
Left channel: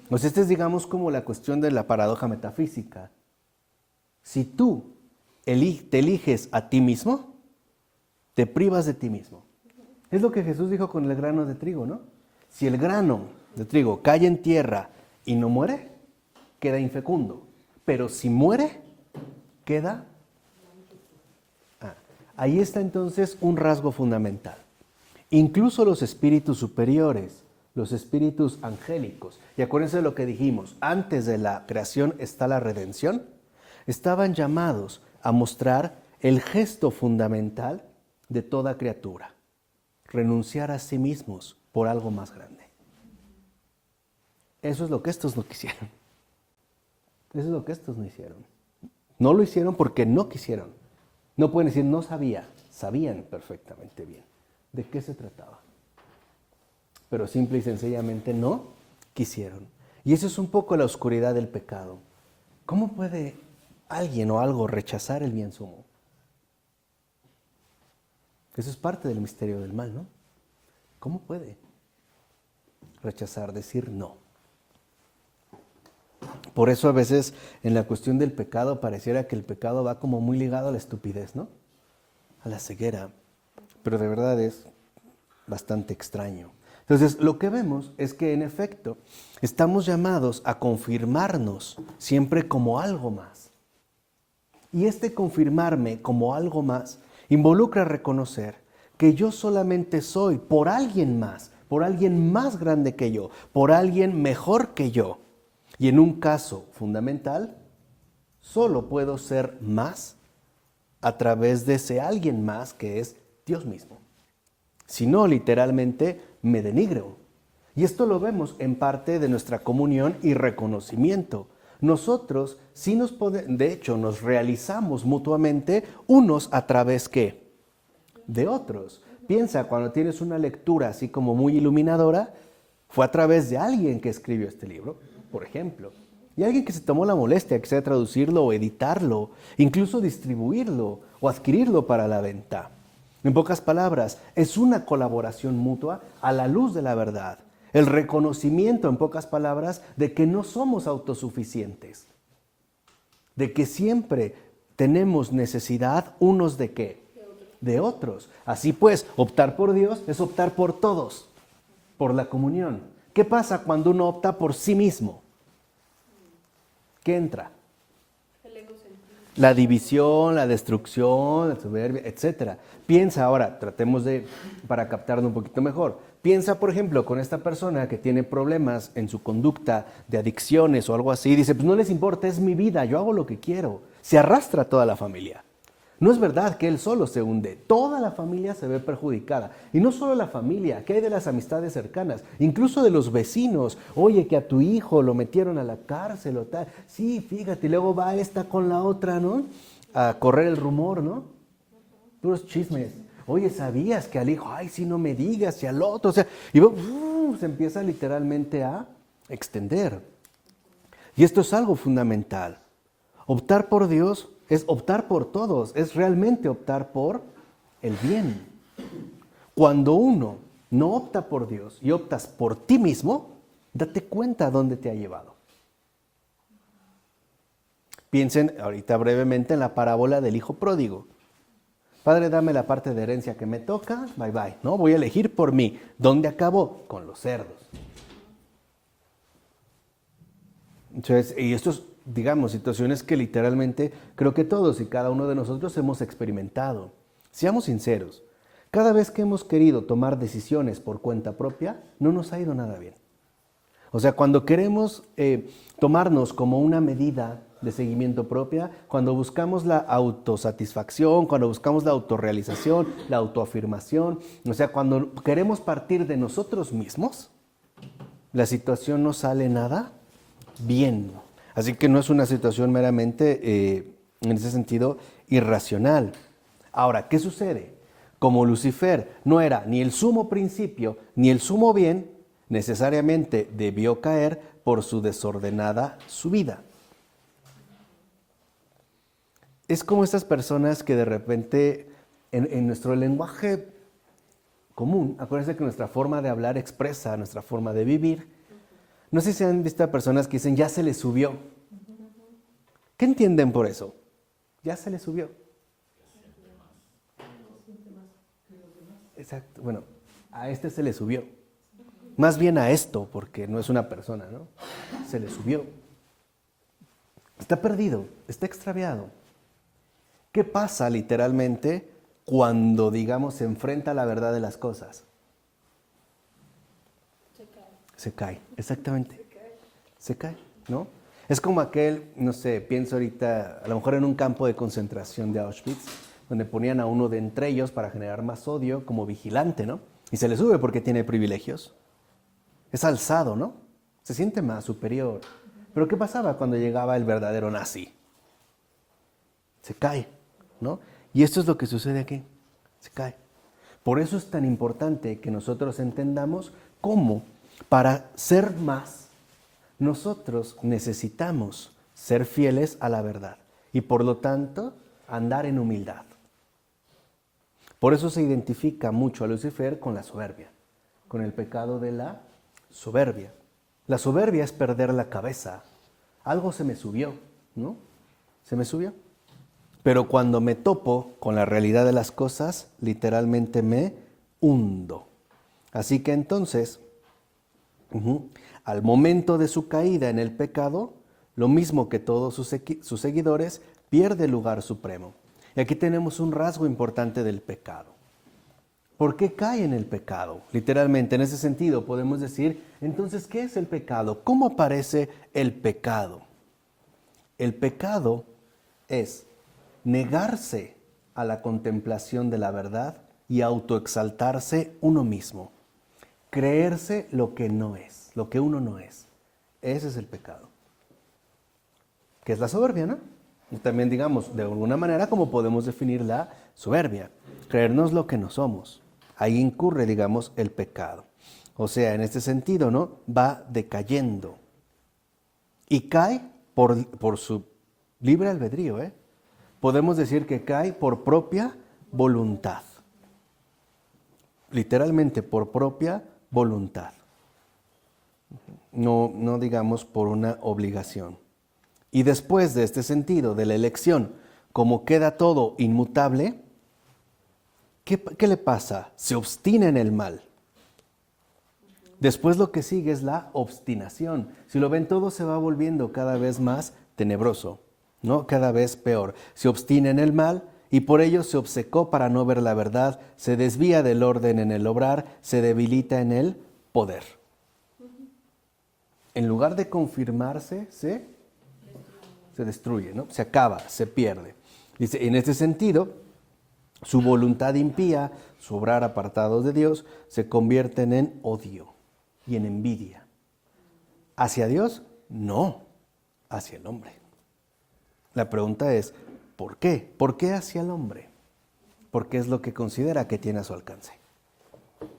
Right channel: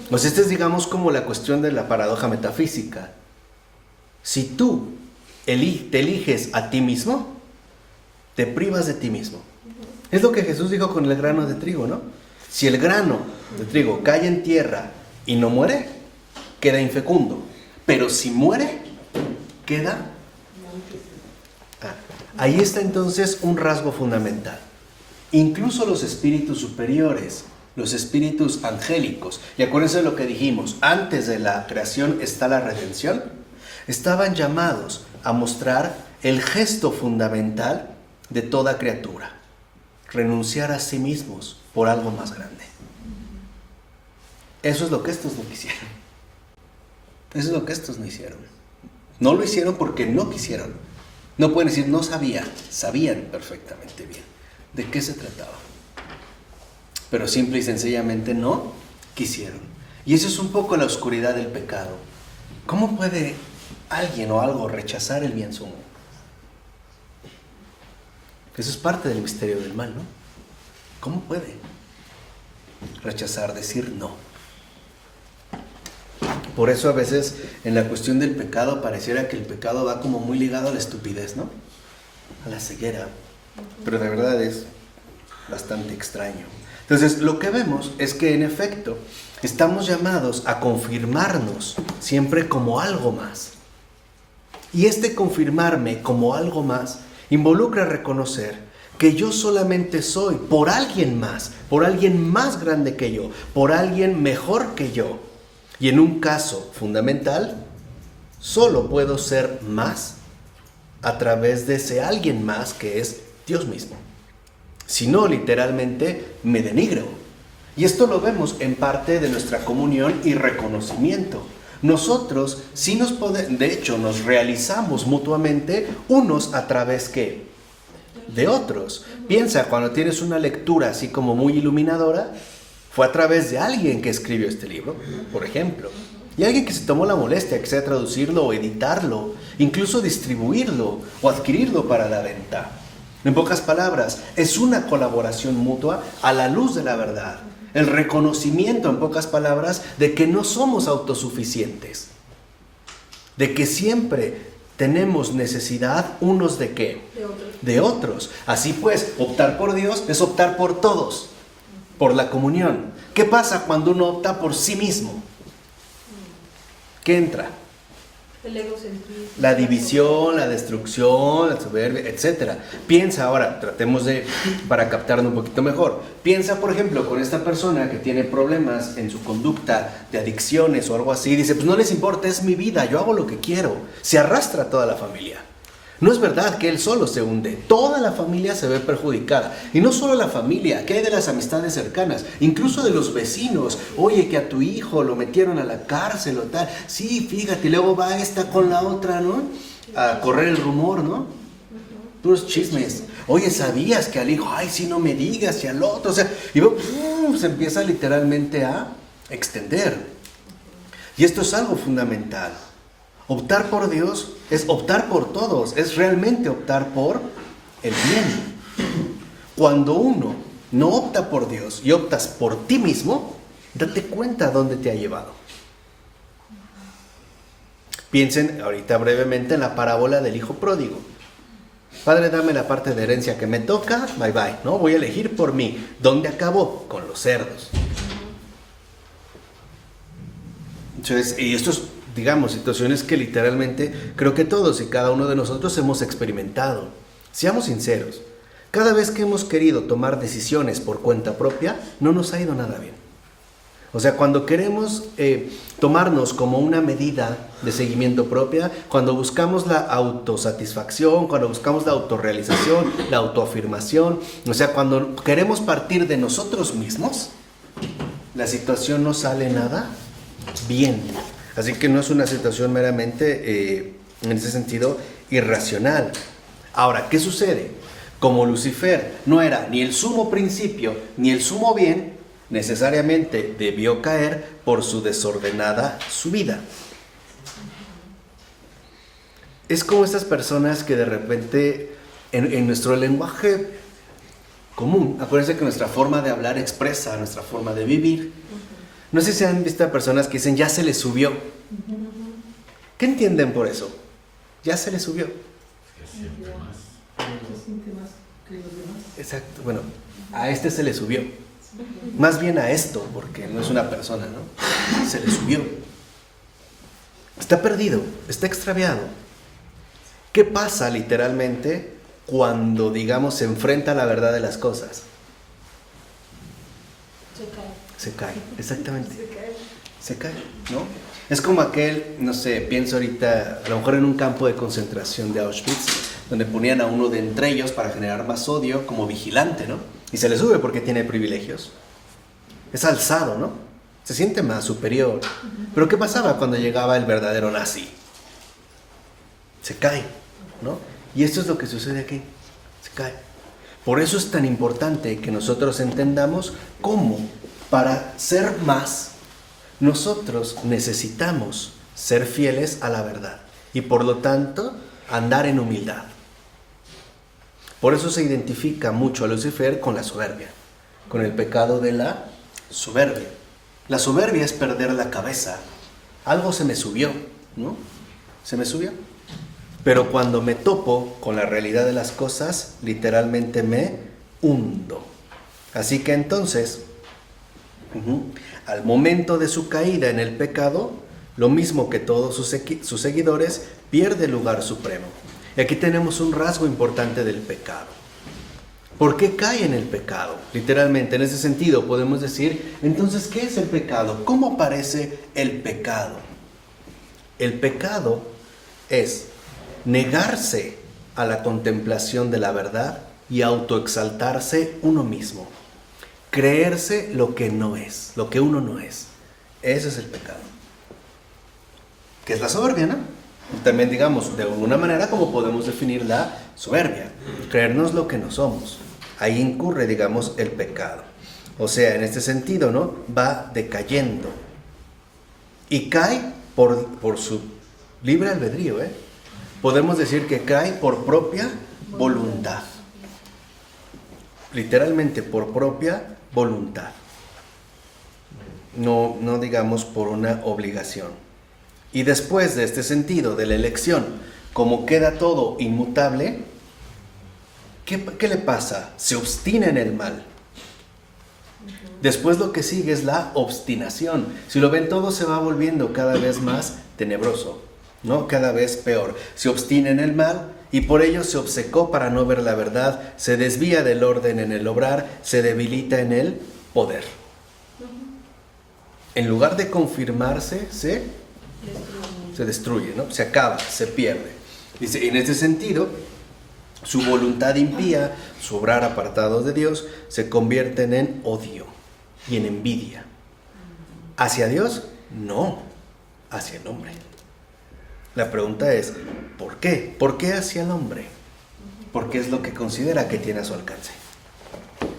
Pues esta es, como la cuestión de la paradoja metafísica. Si tú te eliges a ti mismo, te privas de ti mismo. Es lo que Jesús dijo con el grano de trigo, ¿no? Si el grano de trigo cae en tierra y no muere, queda infecundo. Pero si muere, queda... Ahí está entonces un rasgo fundamental. Incluso los espíritus superiores, los espíritus angélicos, y acuérdense de lo que dijimos, antes de la creación está la redención, estaban llamados a mostrar el gesto fundamental de toda criatura, renunciar a sí mismos por algo más grande. Eso es lo que estos no quisieron. Eso es lo que estos no hicieron. No lo hicieron porque no quisieron. No pueden decir no sabían perfectamente bien de qué se trataba. Pero simple y sencillamente no quisieron. Y eso es un poco la oscuridad del pecado. ¿Cómo puede alguien o algo rechazar el bien sumo? Eso es parte del misterio del mal, ¿no? ¿Cómo puede rechazar, decir no? Por eso a veces en la cuestión del pecado pareciera que el pecado va como muy ligado a la estupidez, ¿no? A la ceguera. Pero de verdad es bastante extraño. Entonces lo que vemos es que en efecto estamos llamados a confirmarnos siempre como algo más. Y este confirmarme como algo más involucra reconocer que yo solamente soy por alguien más grande que yo, por alguien mejor que yo. Y en un caso fundamental, solo puedo ser más a través de ese alguien más que es Dios mismo. Si no, literalmente me denigro. Y esto lo vemos en parte de nuestra comunión y reconocimiento. Nosotros sí de hecho nos realizamos mutuamente unos a través ¿qué? De otros. Piensa, cuando tienes una lectura así como muy iluminadora, fue a través de alguien que escribió este libro, por ejemplo. Y alguien que se tomó la molestia, que sea traducirlo o editarlo, incluso distribuirlo o adquirirlo para la venta. En pocas palabras, es una colaboración mutua a la luz de la verdad. El reconocimiento, en pocas palabras, de que no somos autosuficientes. De que siempre tenemos necesidad unos de ¿qué? De otros. Así pues, optar por Dios es optar por todos, por la comunión. ¿Qué pasa cuando uno opta por sí mismo? ¿Qué entra? El egocentrismo. La división, la destrucción, la soberbia, etc. Piensa ahora, tratemos para captarlo un poquito mejor. Piensa, por ejemplo, con esta persona que tiene problemas en su conducta de adicciones o algo así. Dice, pues no les importa, es mi vida, yo hago lo que quiero. Se arrastra toda la familia. No es verdad que él solo se hunde, toda la familia se ve perjudicada. Y no solo la familia, ¿qué hay de las amistades cercanas? Incluso de los vecinos. Oye, que a tu hijo lo metieron a la cárcel o tal. Sí, fíjate, y luego va esta con la otra, ¿no? A correr el rumor, ¿no? Puros chismes. Oye, ¿sabías que al hijo? Ay, sí, no me digas, y al otro. O sea, y se empieza literalmente a extender. Y esto es algo fundamental. Optar por Dios es optar por todos, es realmente optar por el bien. Cuando uno no opta por Dios y optas por ti mismo, date cuenta a dónde te ha llevado. Piensen ahorita brevemente en la parábola del hijo pródigo. Padre, dame la parte de herencia que me toca, bye bye, ¿no? Voy a elegir por mí. ¿Dónde acabó? Con los cerdos. Entonces, y esto es, digamos, situaciones que literalmente creo que todos y cada uno de nosotros hemos experimentado. Seamos sinceros, cada vez que hemos querido tomar decisiones por cuenta propia, no nos ha ido nada bien. O sea, cuando queremos tomarnos como una medida de seguimiento propia, cuando buscamos la autosatisfacción, cuando buscamos la autorrealización, la autoafirmación, o sea, cuando queremos partir de nosotros mismos, la situación no sale nada bien. Así que no es una situación meramente, en ese sentido, irracional. Ahora, ¿qué sucede? Como Lucifer no era ni el sumo principio ni el sumo bien, necesariamente debió caer por su desordenada subida. Es como estas personas que de repente, en nuestro lenguaje común, acuérdense que nuestra forma de hablar expresa nuestra forma de vivir. No sé si han visto a personas que dicen, ya se le subió. ¿Qué entienden por eso? Ya se le subió. Exacto, bueno, a este se le subió. Más bien a esto, porque no es una persona, ¿no? Se le subió. Está perdido, está extraviado. ¿Qué pasa literalmente cuando, digamos, se enfrenta a la verdad de las cosas? Se cae, exactamente. Se cae, ¿no? Es como aquel, no sé, pienso ahorita, a lo mejor en un campo de concentración de Auschwitz, donde ponían a uno de entre ellos para generar más odio como vigilante, ¿no? Y se le sube porque tiene privilegios. Es alzado, ¿no? Se siente más superior. Pero ¿qué pasaba cuando llegaba el verdadero nazi? Se cae, ¿no? Y esto es lo que sucede aquí. Se cae. Por eso es tan importante que nosotros entendamos cómo, para ser más, nosotros necesitamos ser fieles a la verdad. Y por lo tanto, andar en humildad. Por eso se identifica mucho a Lucifer con la soberbia, con el pecado de la soberbia. La soberbia es perder la cabeza. Algo se me subió, ¿no? Se me subió. Pero cuando me topo con la realidad de las cosas, literalmente me hundo. Así que entonces, al momento de su caída en el pecado, lo mismo que todos sus seguidores, pierde el lugar supremo. Y aquí tenemos un rasgo importante del pecado. ¿Por qué cae en el pecado? Literalmente, en ese sentido, podemos decir, entonces, ¿qué es el pecado? ¿Cómo aparece el pecado? El pecado es negarse a la contemplación de la verdad y autoexaltarse uno mismo. Creerse lo que no es, lo que uno no es. Ese es el pecado. Que es la soberbia, ¿no? También, digamos, de alguna manera, como podemos definir la soberbia. Creernos lo que no somos. Ahí incurre, digamos, el pecado. O sea, en este sentido, ¿no? Va decayendo. Y cae por su libre albedrío, ¿eh? Podemos decir que cae por propia voluntad. Literalmente por propia voluntad. No digamos por una obligación. Y después de este sentido de la elección, como queda todo inmutable, ¿qué le pasa? Se obstina en el mal. Después lo que sigue es la obstinación. Si lo ven, todo se va volviendo cada vez más tenebroso, ¿no? Cada vez peor. Se obstina en el mal y por ello se obcecó para no ver la verdad, se desvía del orden en el obrar, se debilita en el poder. En lugar de confirmarse, se destruye, ¿no? Se acaba, se pierde. Dice, en este sentido, su voluntad impía, su obrar apartados de Dios, se convierten en odio y en envidia. ¿Hacia Dios? No, hacia el hombre. La pregunta es, ¿por qué? ¿Por qué hacia el hombre? Porque es lo que considera que tiene a su alcance.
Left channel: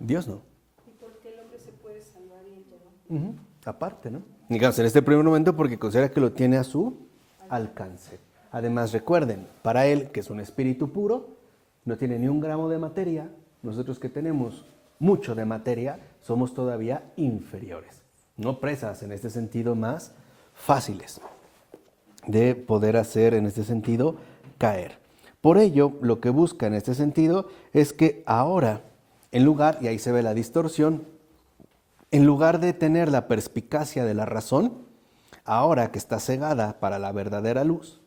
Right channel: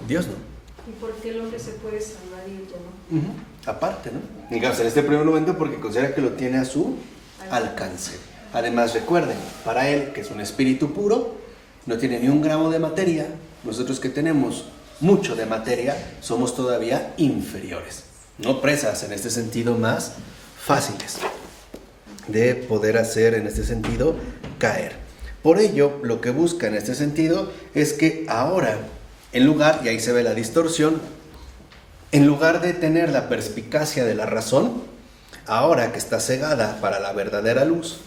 Dios no. ¿Y por qué el hombre se puede salvar y ella no? Aparte, ¿no? Digamos, en este primer momento porque considera que lo tiene a su alcance. Además, recuerden, para él, que es un espíritu puro, no tiene ni un gramo de materia. Nosotros que tenemos mucho de materia, somos todavía inferiores. No presas, en este sentido, más fáciles de poder hacer, en este sentido, caer. Por ello, lo que busca en este sentido es que ahora, en lugar, y ahí se ve la distorsión, en lugar de tener la perspicacia de la razón, ahora que está cegada para la verdadera luz,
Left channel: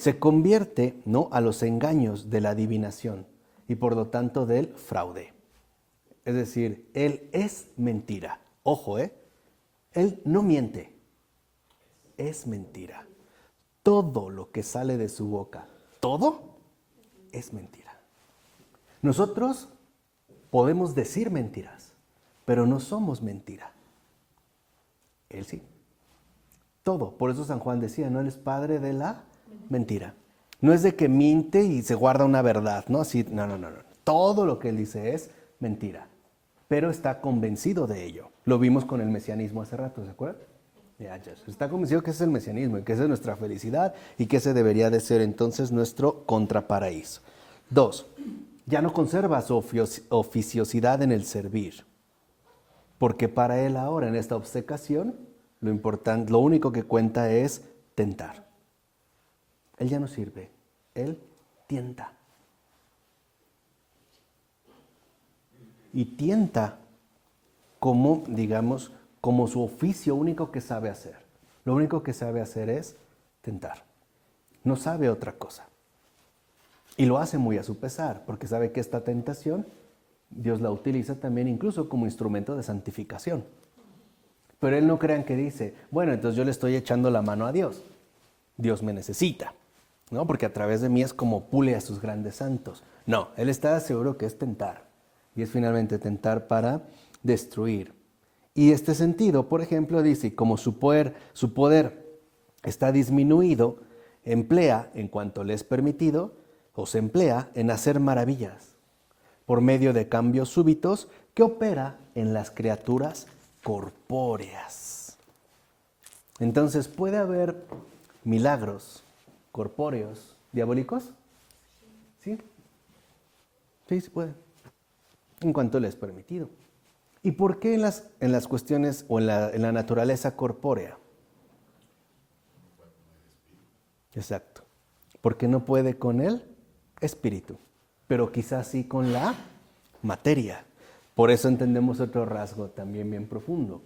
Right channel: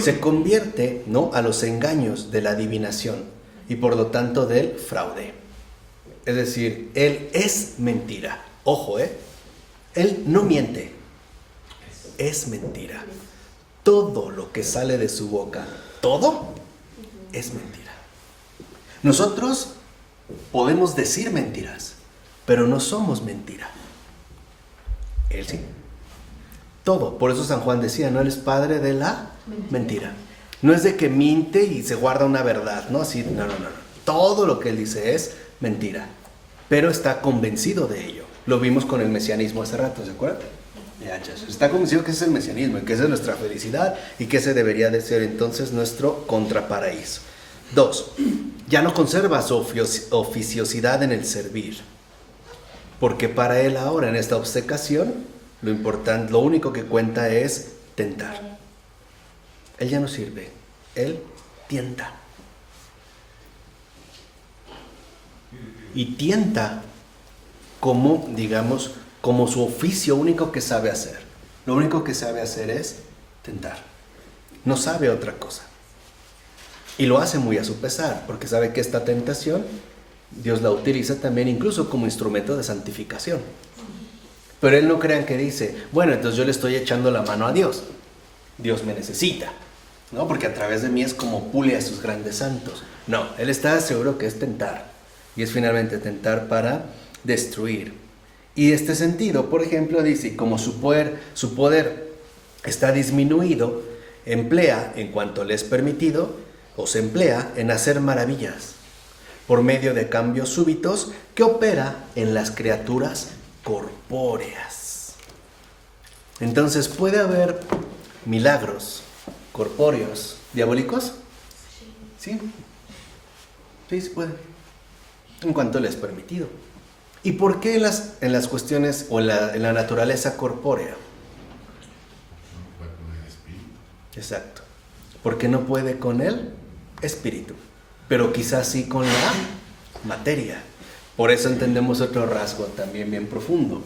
se convierte, ¿no?, a los engaños de la adivinación y por lo tanto del fraude. Es decir, él es mentira. Ojo, él no miente, es mentira. Todo lo que sale de su boca, todo es mentira. Nosotros podemos decir mentiras, pero no somos mentira. Él sí. Todo. Por eso San Juan decía, no eres padre de la mentira. No es de que miente y se guarda una verdad, ¿no? Así, no. Todo lo que él dice es mentira, pero está convencido de ello. Lo vimos con el mesianismo hace rato, ¿se acuerdan? Está convencido que ese es el mesianismo y que esa es nuestra felicidad y que ese debería de ser entonces nuestro contraparaíso. 2. Ya no conserva su oficiosidad en el servir, porque para él ahora en esta obcecación lo único que cuenta es tentar. Él ya no sirve, él tienta. Y tienta como, digamos, como su oficio único que sabe hacer. Lo único que sabe hacer es tentar. No sabe otra cosa. Y lo hace muy a su pesar, porque sabe que esta tentación Dios la utiliza también incluso como instrumento de santificación. Pero él no crean que dice, bueno, entonces yo le estoy echando la mano a Dios. Dios me necesita, ¿no? Porque a través de mí es como pule a sus grandes santos. No, él está seguro que es tentar. Y es finalmente tentar para destruir. Y este sentido, por ejemplo, dice, como su poder está disminuido, emplea, en cuanto le es permitido, o se emplea en hacer maravillas, por medio de cambios súbitos que opera en las criaturas corpóreas. Entonces, ¿puede haber milagros corpóreos diabólicos? Sí. Sí, se puede. En cuanto le es permitido. ¿Y por qué en las cuestiones o en la naturaleza corpórea? No puede con el espíritu. Exacto. Porque no puede con el espíritu, pero quizás sí con la materia. Por eso entendemos otro rasgo también bien profundo.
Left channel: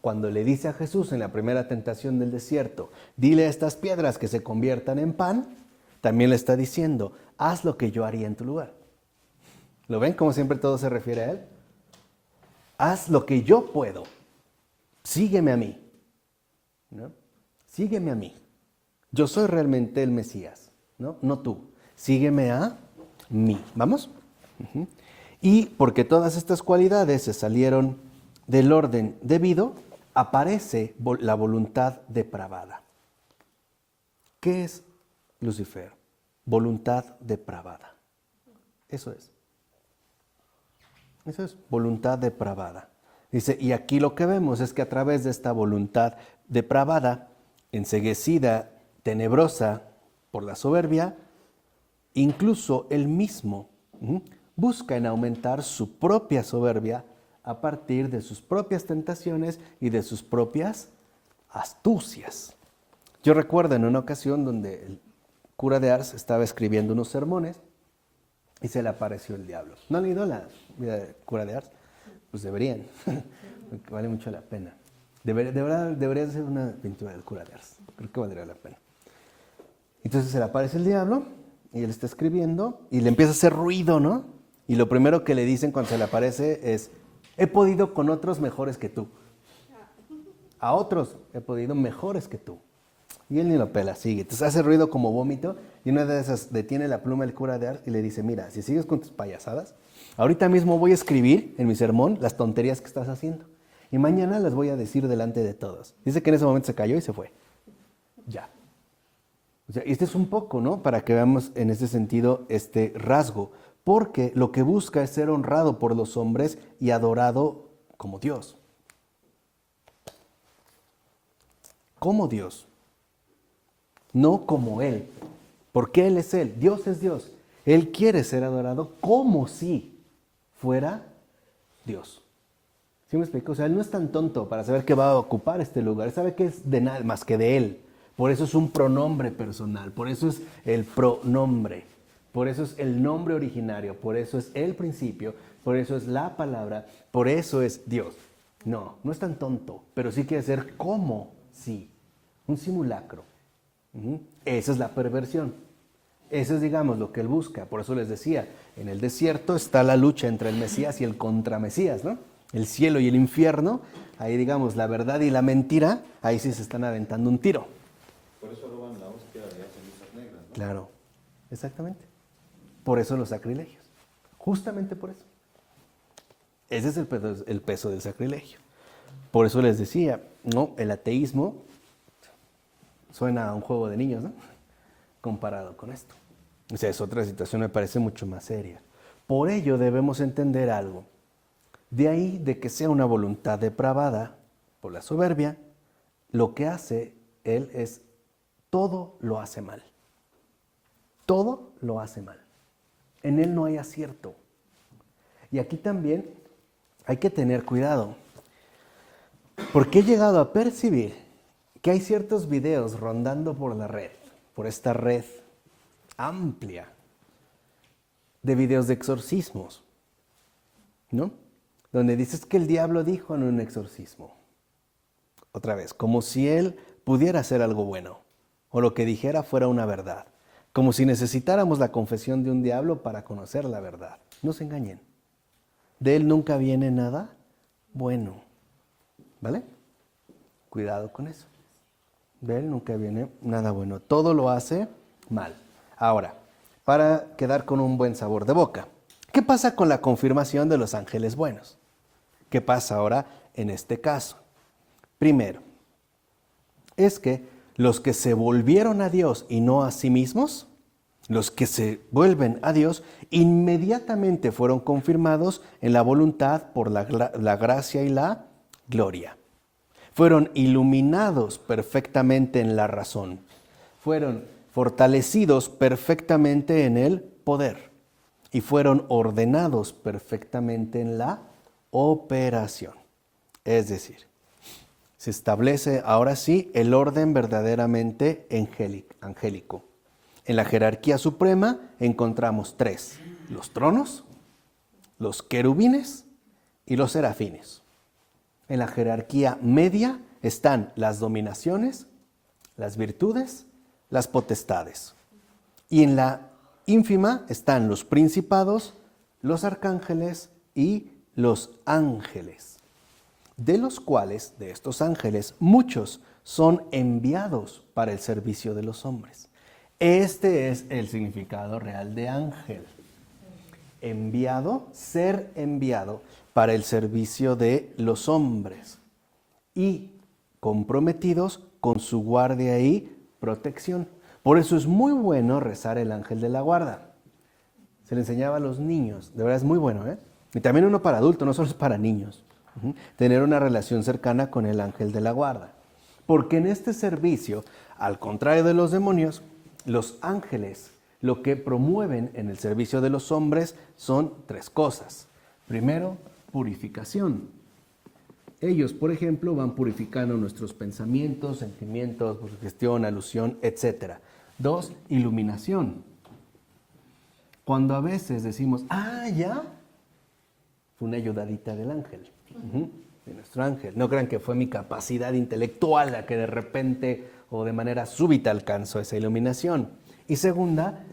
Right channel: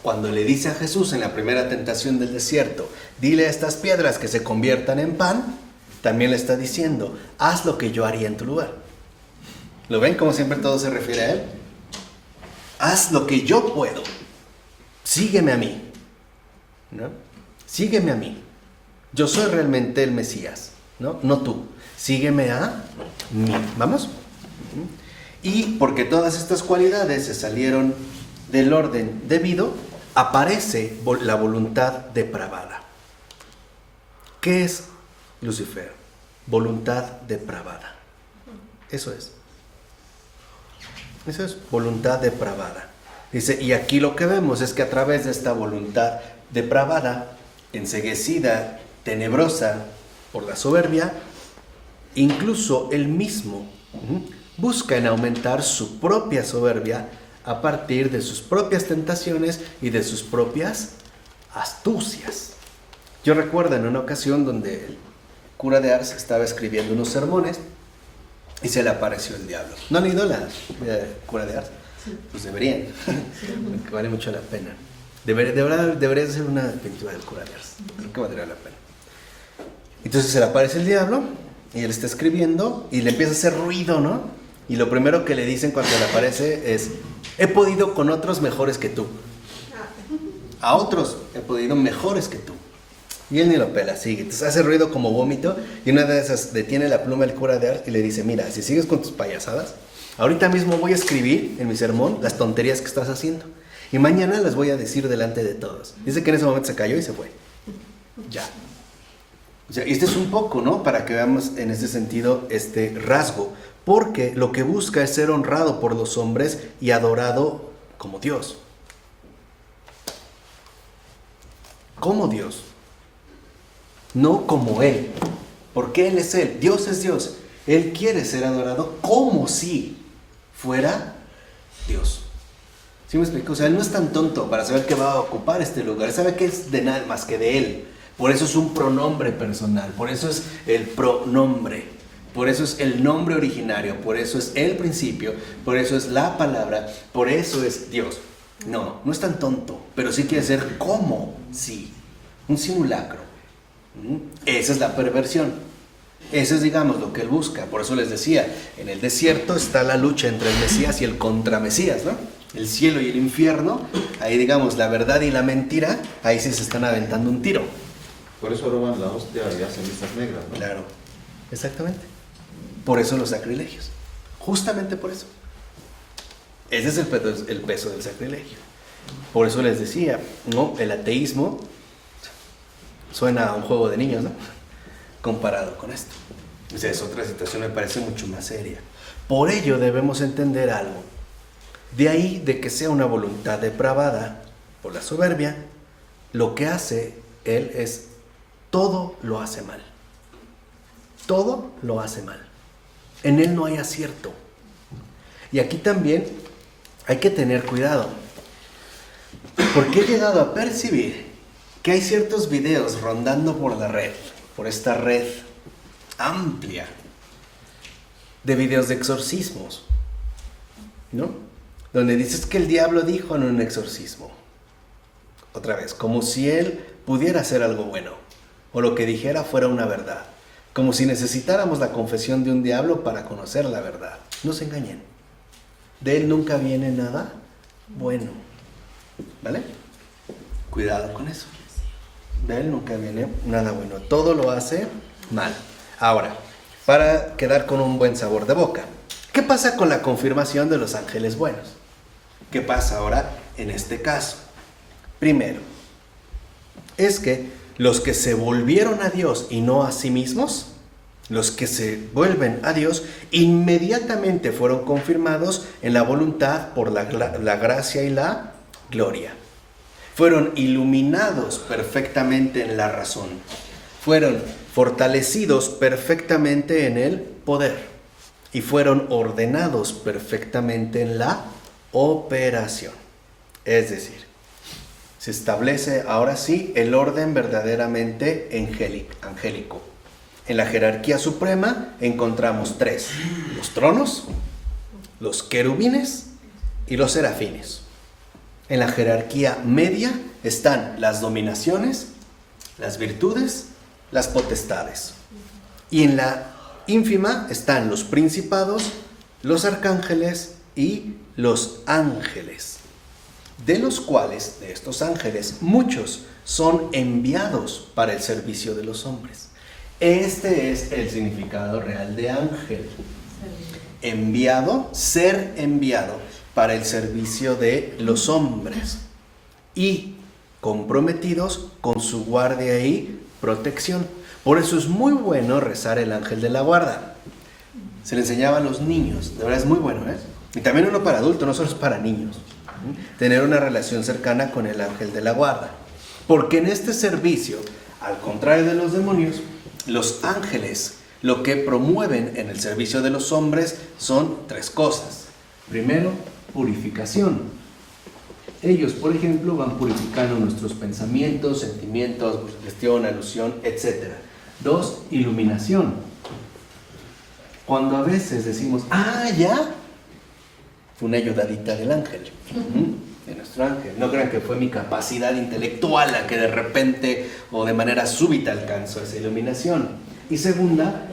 Cuando le dice a Jesús en la primera tentación del desierto, dile a estas piedras que se conviertan en pan, también le está diciendo, haz lo que yo haría en tu lugar. ¿Lo ven? Como siempre todo se refiere a él. Haz lo que yo puedo. Sígueme a mí. ¿No? Sígueme a mí. Yo soy realmente el Mesías, ¿no? No tú. Sígueme a mí. ¿Vamos? Y porque todas estas cualidades se salieron del orden debido, aparece la voluntad depravada. ¿Qué es Lucifer? Voluntad depravada. Eso es. Eso es voluntad depravada. Dice, y aquí lo que vemos es que a través de esta voluntad depravada, enceguecida, tenebrosa por la soberbia, incluso él mismo busca en aumentar su propia soberbia a partir de sus propias tentaciones y de sus propias astucias. Yo recuerdo en una ocasión donde el cura de Ars estaba escribiendo unos sermones y se le apareció el diablo. ¿No han leído la cura de Ars? Sí. Pues deberían, porque vale mucho la pena. Debería hacer una pintura del cura de Ars, creo que valdría la pena. Entonces se le aparece el diablo y él está escribiendo y le empieza a hacer ruido, ¿no? Y lo primero que le dicen cuando se le aparece es, he podido con otros mejores que tú. A otros he podido mejores que tú. Y él ni lo pela, sigue. Entonces hace ruido como vómito y una de esas detiene la pluma el cura de Ars y le dice, mira, si sigues con tus payasadas, ahorita mismo voy a escribir en mi sermón las tonterías que estás haciendo. Y mañana las voy a decir delante de todos. Dice que en ese momento se cayó y se fue. Ya. O sea, este es un poco, ¿no? Para que veamos en ese sentido este rasgo. Porque lo que busca es ser honrado por los hombres y adorado como Dios. Como Dios. No como Él. Porque Él es Él. Dios es Dios. Él quiere ser adorado como si fuera Dios. ¿Sí me explico? O sea, Él no es tan tonto para saber que va a ocupar este lugar. Él sabe que es de nada más que de Él. Por eso es un pronombre personal. Por eso es el pronombre. Por eso es el nombre originario. Por eso es el principio. Por eso es la palabra. Por eso es Dios. No, no es tan tonto. Pero sí quiere ser como si. Un simulacro. Esa es la perversión. Ese es, digamos, lo que Él busca. Por eso les decía, en el desierto está la lucha entre el Mesías y el contramesías, ¿no? El cielo y el infierno, ahí digamos, la verdad y la mentira, ahí sí se están aventando un tiro. Por eso roban la hostia y hacen listas negras, ¿no? Claro, exactamente. Por eso los sacrilegios. Justamente por eso. Ese es el peso del sacrilegio. Por eso les decía, ¿no? El ateísmo suena a un juego de niños, ¿no? Comparado con esto. O sea, es otra situación, me parece mucho más seria. Por ello debemos entender algo. De ahí de que sea una voluntad depravada por la soberbia, lo que hace Él es todo lo hace mal. Todo lo hace mal. En Él no hay acierto. Y aquí también hay que tener cuidado. Porque he llegado a percibir que hay ciertos videos rondando por la red, por esta red amplia de videos de exorcismos, ¿no? Donde dices que el diablo dijo en un exorcismo. Otra vez, como si él pudiera hacer algo bueno, o lo que dijera fuera una verdad. Como si necesitáramos la confesión de un diablo para conocer la verdad. No se engañen. De él nunca viene nada bueno. ¿Vale? Cuidado con eso. De él nunca viene nada bueno. Todo lo hace mal. Ahora, para quedar con un buen sabor de boca, ¿qué pasa con la confirmación de los ángeles buenos? ¿Qué pasa ahora en este caso? Primero, es que los que se volvieron a Dios y no a sí mismos, los que se vuelven a Dios, inmediatamente fueron confirmados en la voluntad por la gracia y la gloria. Fueron iluminados perfectamente en la razón. Fueron fortalecidos perfectamente en el poder. Y fueron ordenados perfectamente en la operación. Es decir, se establece ahora sí el orden verdaderamente angélico. En la jerarquía suprema encontramos 3. Los tronos, los querubines y los serafines. En la jerarquía media están las dominaciones, las virtudes, las potestades. Y en la ínfima están los principados, los arcángeles y los ángeles. De los cuales, de estos ángeles, muchos son enviados para el servicio de los hombres. Este es el significado real de ángel. Enviado, ser enviado para el servicio de los hombres y comprometidos con su guardia y protección. Por eso es muy bueno rezar el ángel de la guarda. Se le enseñaba a los niños, de verdad es muy bueno, ¿eh? Y también uno para adultos, no solo es para niños. Tener una relación cercana con el ángel de la guarda. Porque en este servicio, al contrario de los demonios, los ángeles lo que promueven en el servicio de los hombres son 3 cosas. Primero, purificación. Ellos, por ejemplo, van purificando nuestros pensamientos, sentimientos, gestión, alusión, etc. 2, iluminación. Cuando a veces decimos, ya, fue una ayudadita del ángel, de nuestro ángel. No crean que fue mi capacidad intelectual la que de repente o de manera súbita alcanzó esa iluminación. Y segunda,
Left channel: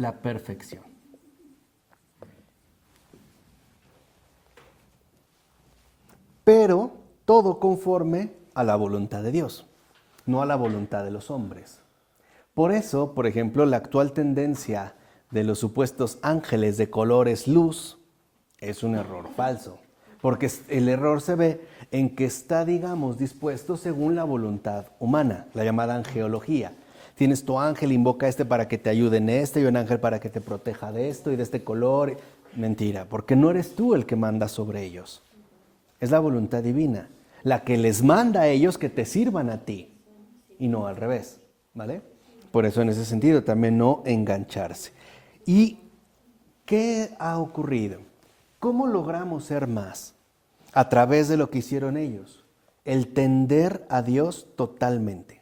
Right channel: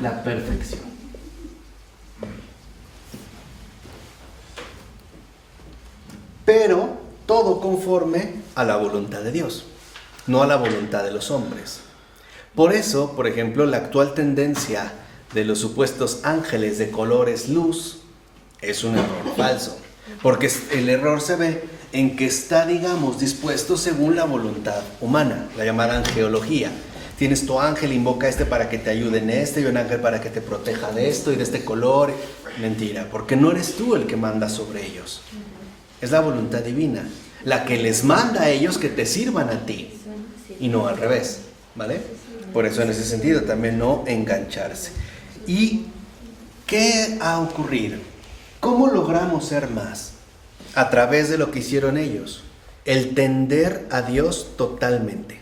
la perfección. Pero todo conforme a la voluntad de Dios. no a la voluntad de los hombres. Por eso, por ejemplo, la actual tendencia de los supuestos ángeles de colores luz es un error falso, porque el error se ve en que está, digamos, dispuesto según la voluntad humana, la llamada angeología. Tienes tu ángel, invoca a este para que te ayude en este, y un ángel para que te proteja de esto y de este color. Mentira, porque no eres tú el que manda sobre ellos. Es la voluntad divina, la que les manda a ellos que te sirvan a ti, y no al revés, ¿vale? Por eso en ese sentido también no engancharse. ¿Y qué ha ocurrido? ¿Cómo logramos ser más? A través de lo que hicieron ellos. El tender a Dios totalmente.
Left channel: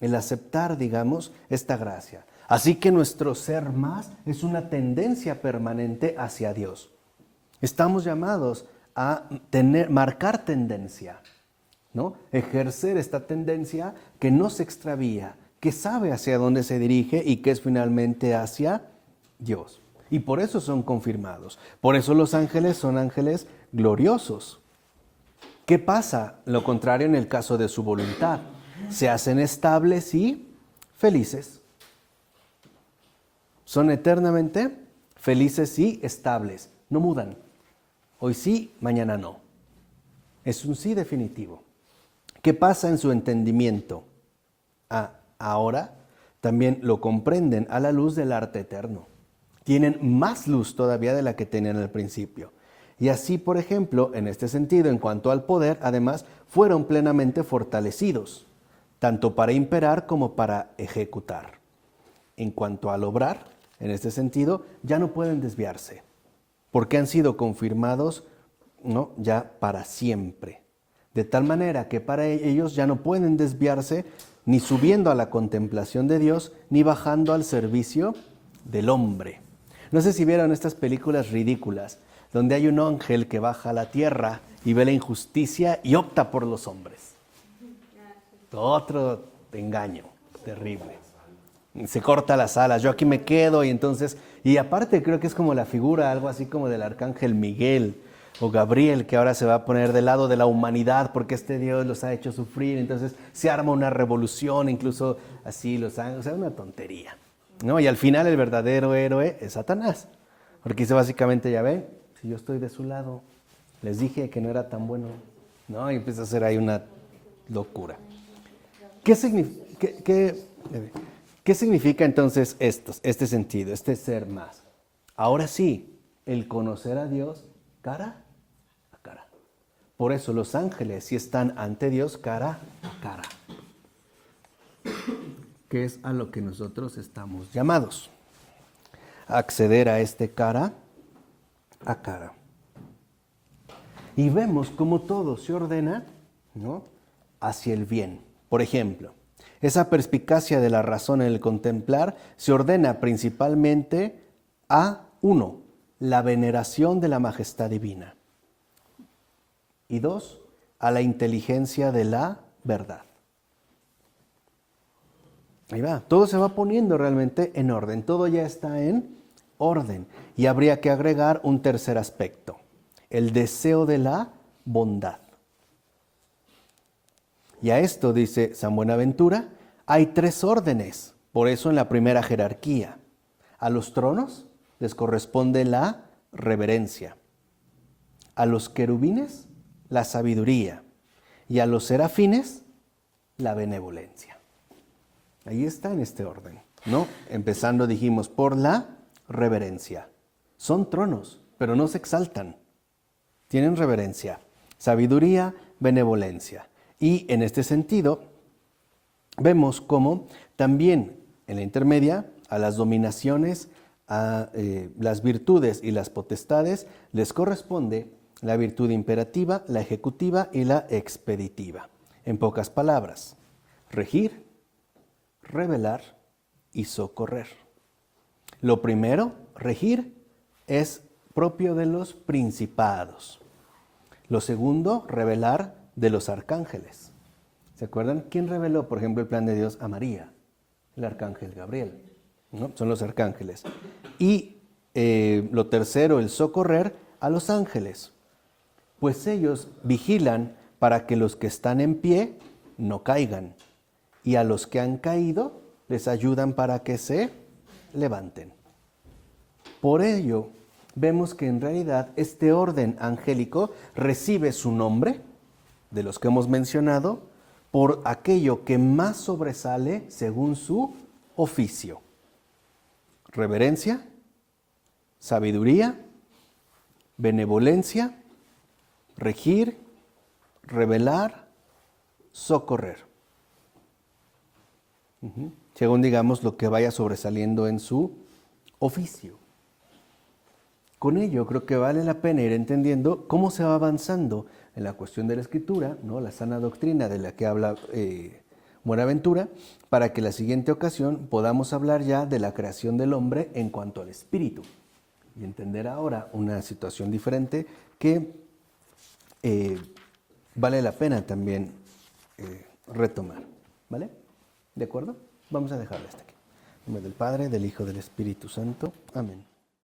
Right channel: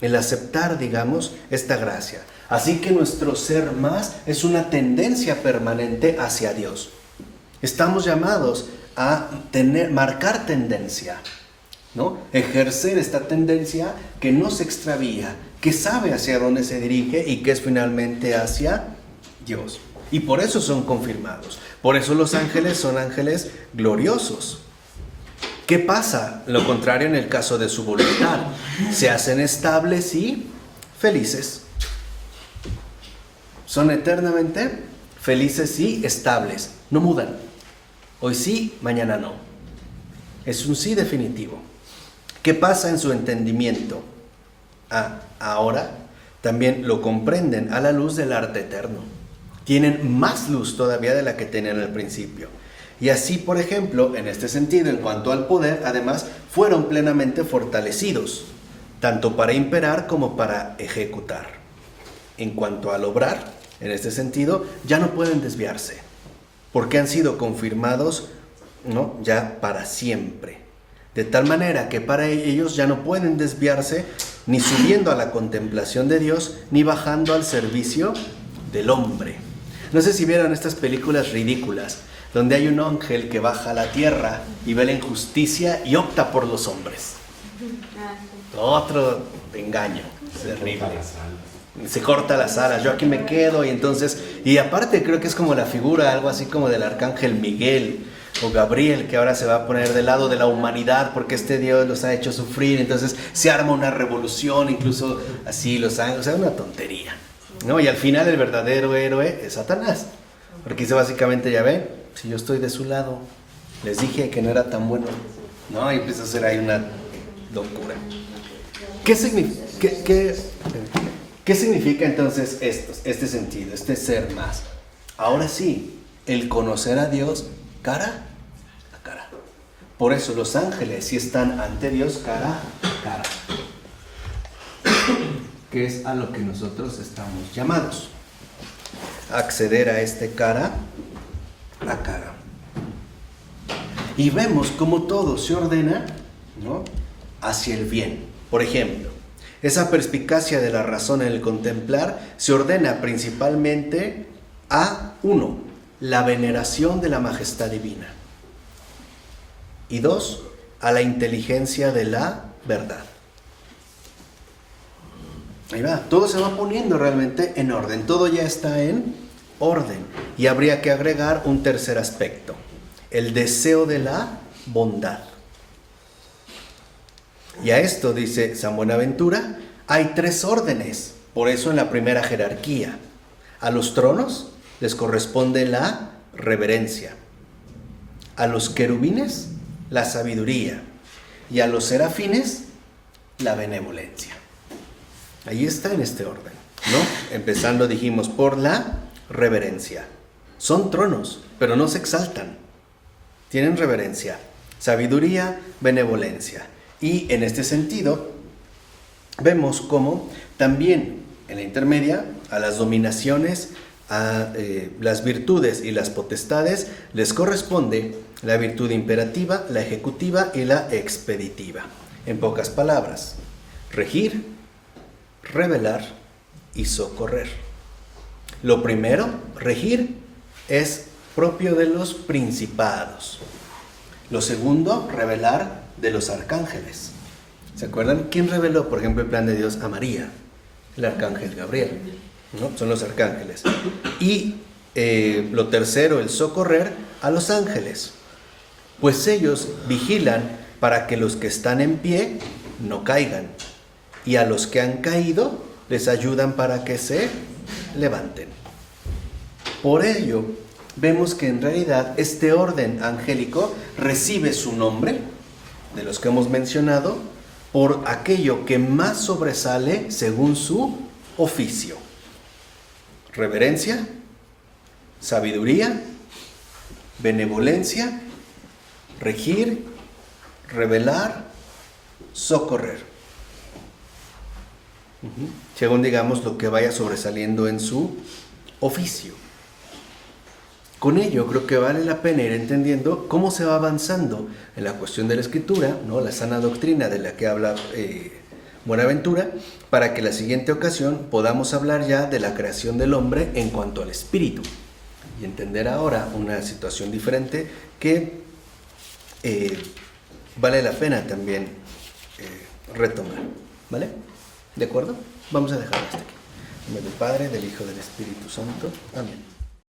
El aceptar, digamos, esta gracia. Así que nuestro ser más es una tendencia permanente hacia Dios. Estamos llamados a marcar tendencia, ¿no? Ejercer esta tendencia que no se extravía, que sabe hacia dónde se dirige y que es finalmente hacia Dios. Y por eso son confirmados. Por eso los ángeles son ángeles gloriosos. ¿Qué pasa? Lo contrario en el caso de su voluntad. Se hacen estables y felices. Son eternamente felices y estables. No mudan. Hoy sí, mañana no. Es un sí definitivo. ¿Qué pasa en su entendimiento? Ahora también lo comprenden a la luz del arte eterno. Tienen más luz todavía de la que tenían al principio. Y así, por ejemplo, en este sentido, en cuanto al poder, además, fueron plenamente fortalecidos, tanto para imperar como para ejecutar. En cuanto al obrar, en este sentido, ya no pueden desviarse, porque han sido confirmados, ¿no?, ya para siempre. De tal manera que para ellos ya no pueden desviarse ni subiendo a la contemplación de Dios, ni bajando al servicio del hombre. No sé si vieron estas películas ridículas, donde hay un ángel que baja a la tierra y ve la injusticia y opta por los hombres. Otro engaño, terrible. Se corta las alas, yo aquí me quedo, y aparte creo que es como la figura, algo así como del arcángel Miguel o Gabriel, que ahora se va a poner del lado de la humanidad porque este Dios los ha hecho sufrir, entonces se arma una revolución, incluso así los ángeles, o sea, una tontería, ¿no? Y al final el verdadero héroe es Satanás, porque dice básicamente, ya ven, si yo estoy de su lado, les dije que no era tan bueno, ¿no? Y empieza a hacer ahí una locura. ¿Qué significa entonces este sentido, este ser más? Ahora sí, el conocer a Dios cara a cara. Por eso los ángeles sí están ante Dios cara a cara, que es a lo que nosotros estamos llamados, a acceder a este cara a cara. Y vemos cómo todo se ordena, ¿no?, hacia el bien. Por ejemplo, esa perspicacia de la razón en el contemplar se ordena principalmente a, 1, la veneración de la majestad divina, y 2, a la inteligencia de la verdad. Ahí va, todo se va poniendo realmente en orden, todo ya está en orden. Y habría que agregar un tercer aspecto, el deseo de la bondad. Y a esto, dice San Buenaventura, hay 3 órdenes. Por eso en la primera jerarquía, a los tronos les corresponde la reverencia, a los querubines la sabiduría y a los serafines la benevolencia. Ahí está en este orden, ¿no? Empezando, dijimos, por la reverencia. Son tronos, pero no se exaltan. Tienen reverencia, sabiduría, benevolencia. Y en este sentido, vemos cómo también en la intermedia, a las dominaciones, a las virtudes y las potestades, les corresponde la virtud imperativa, la ejecutiva y la expeditiva. En pocas palabras, regir, revelar y socorrer. Lo primero, regir, es propio de los principados. Lo segundo, revelar, de los arcángeles. ¿Se acuerdan? ¿Quién reveló, por ejemplo, el plan de Dios a María? El arcángel Gabriel, ¿no? Son los arcángeles. Y lo tercero, el socorrer, a los ángeles. Pues ellos vigilan para que los que están en pie no caigan. Y a los que han caído, les ayudan para que se levanten. Por ello, vemos que en realidad este orden angélico recibe su nombre, de los que hemos mencionado, por aquello que más sobresale según su oficio. Reverencia, sabiduría, benevolencia, regir, revelar, socorrer. Según digamos lo que vaya sobresaliendo en su oficio. Con ello creo que vale la pena ir entendiendo cómo se va avanzando en la cuestión de la escritura, ¿no? La sana doctrina de la que habla Buenaventura, para que la siguiente ocasión podamos hablar ya de la creación del hombre en cuanto al espíritu y entender ahora una situación diferente que vale la pena también retomar, ¿vale? ¿De acuerdo? Vamos a dejarlo hasta aquí. En nombre del Padre, del Hijo y del Espíritu Santo. Amén.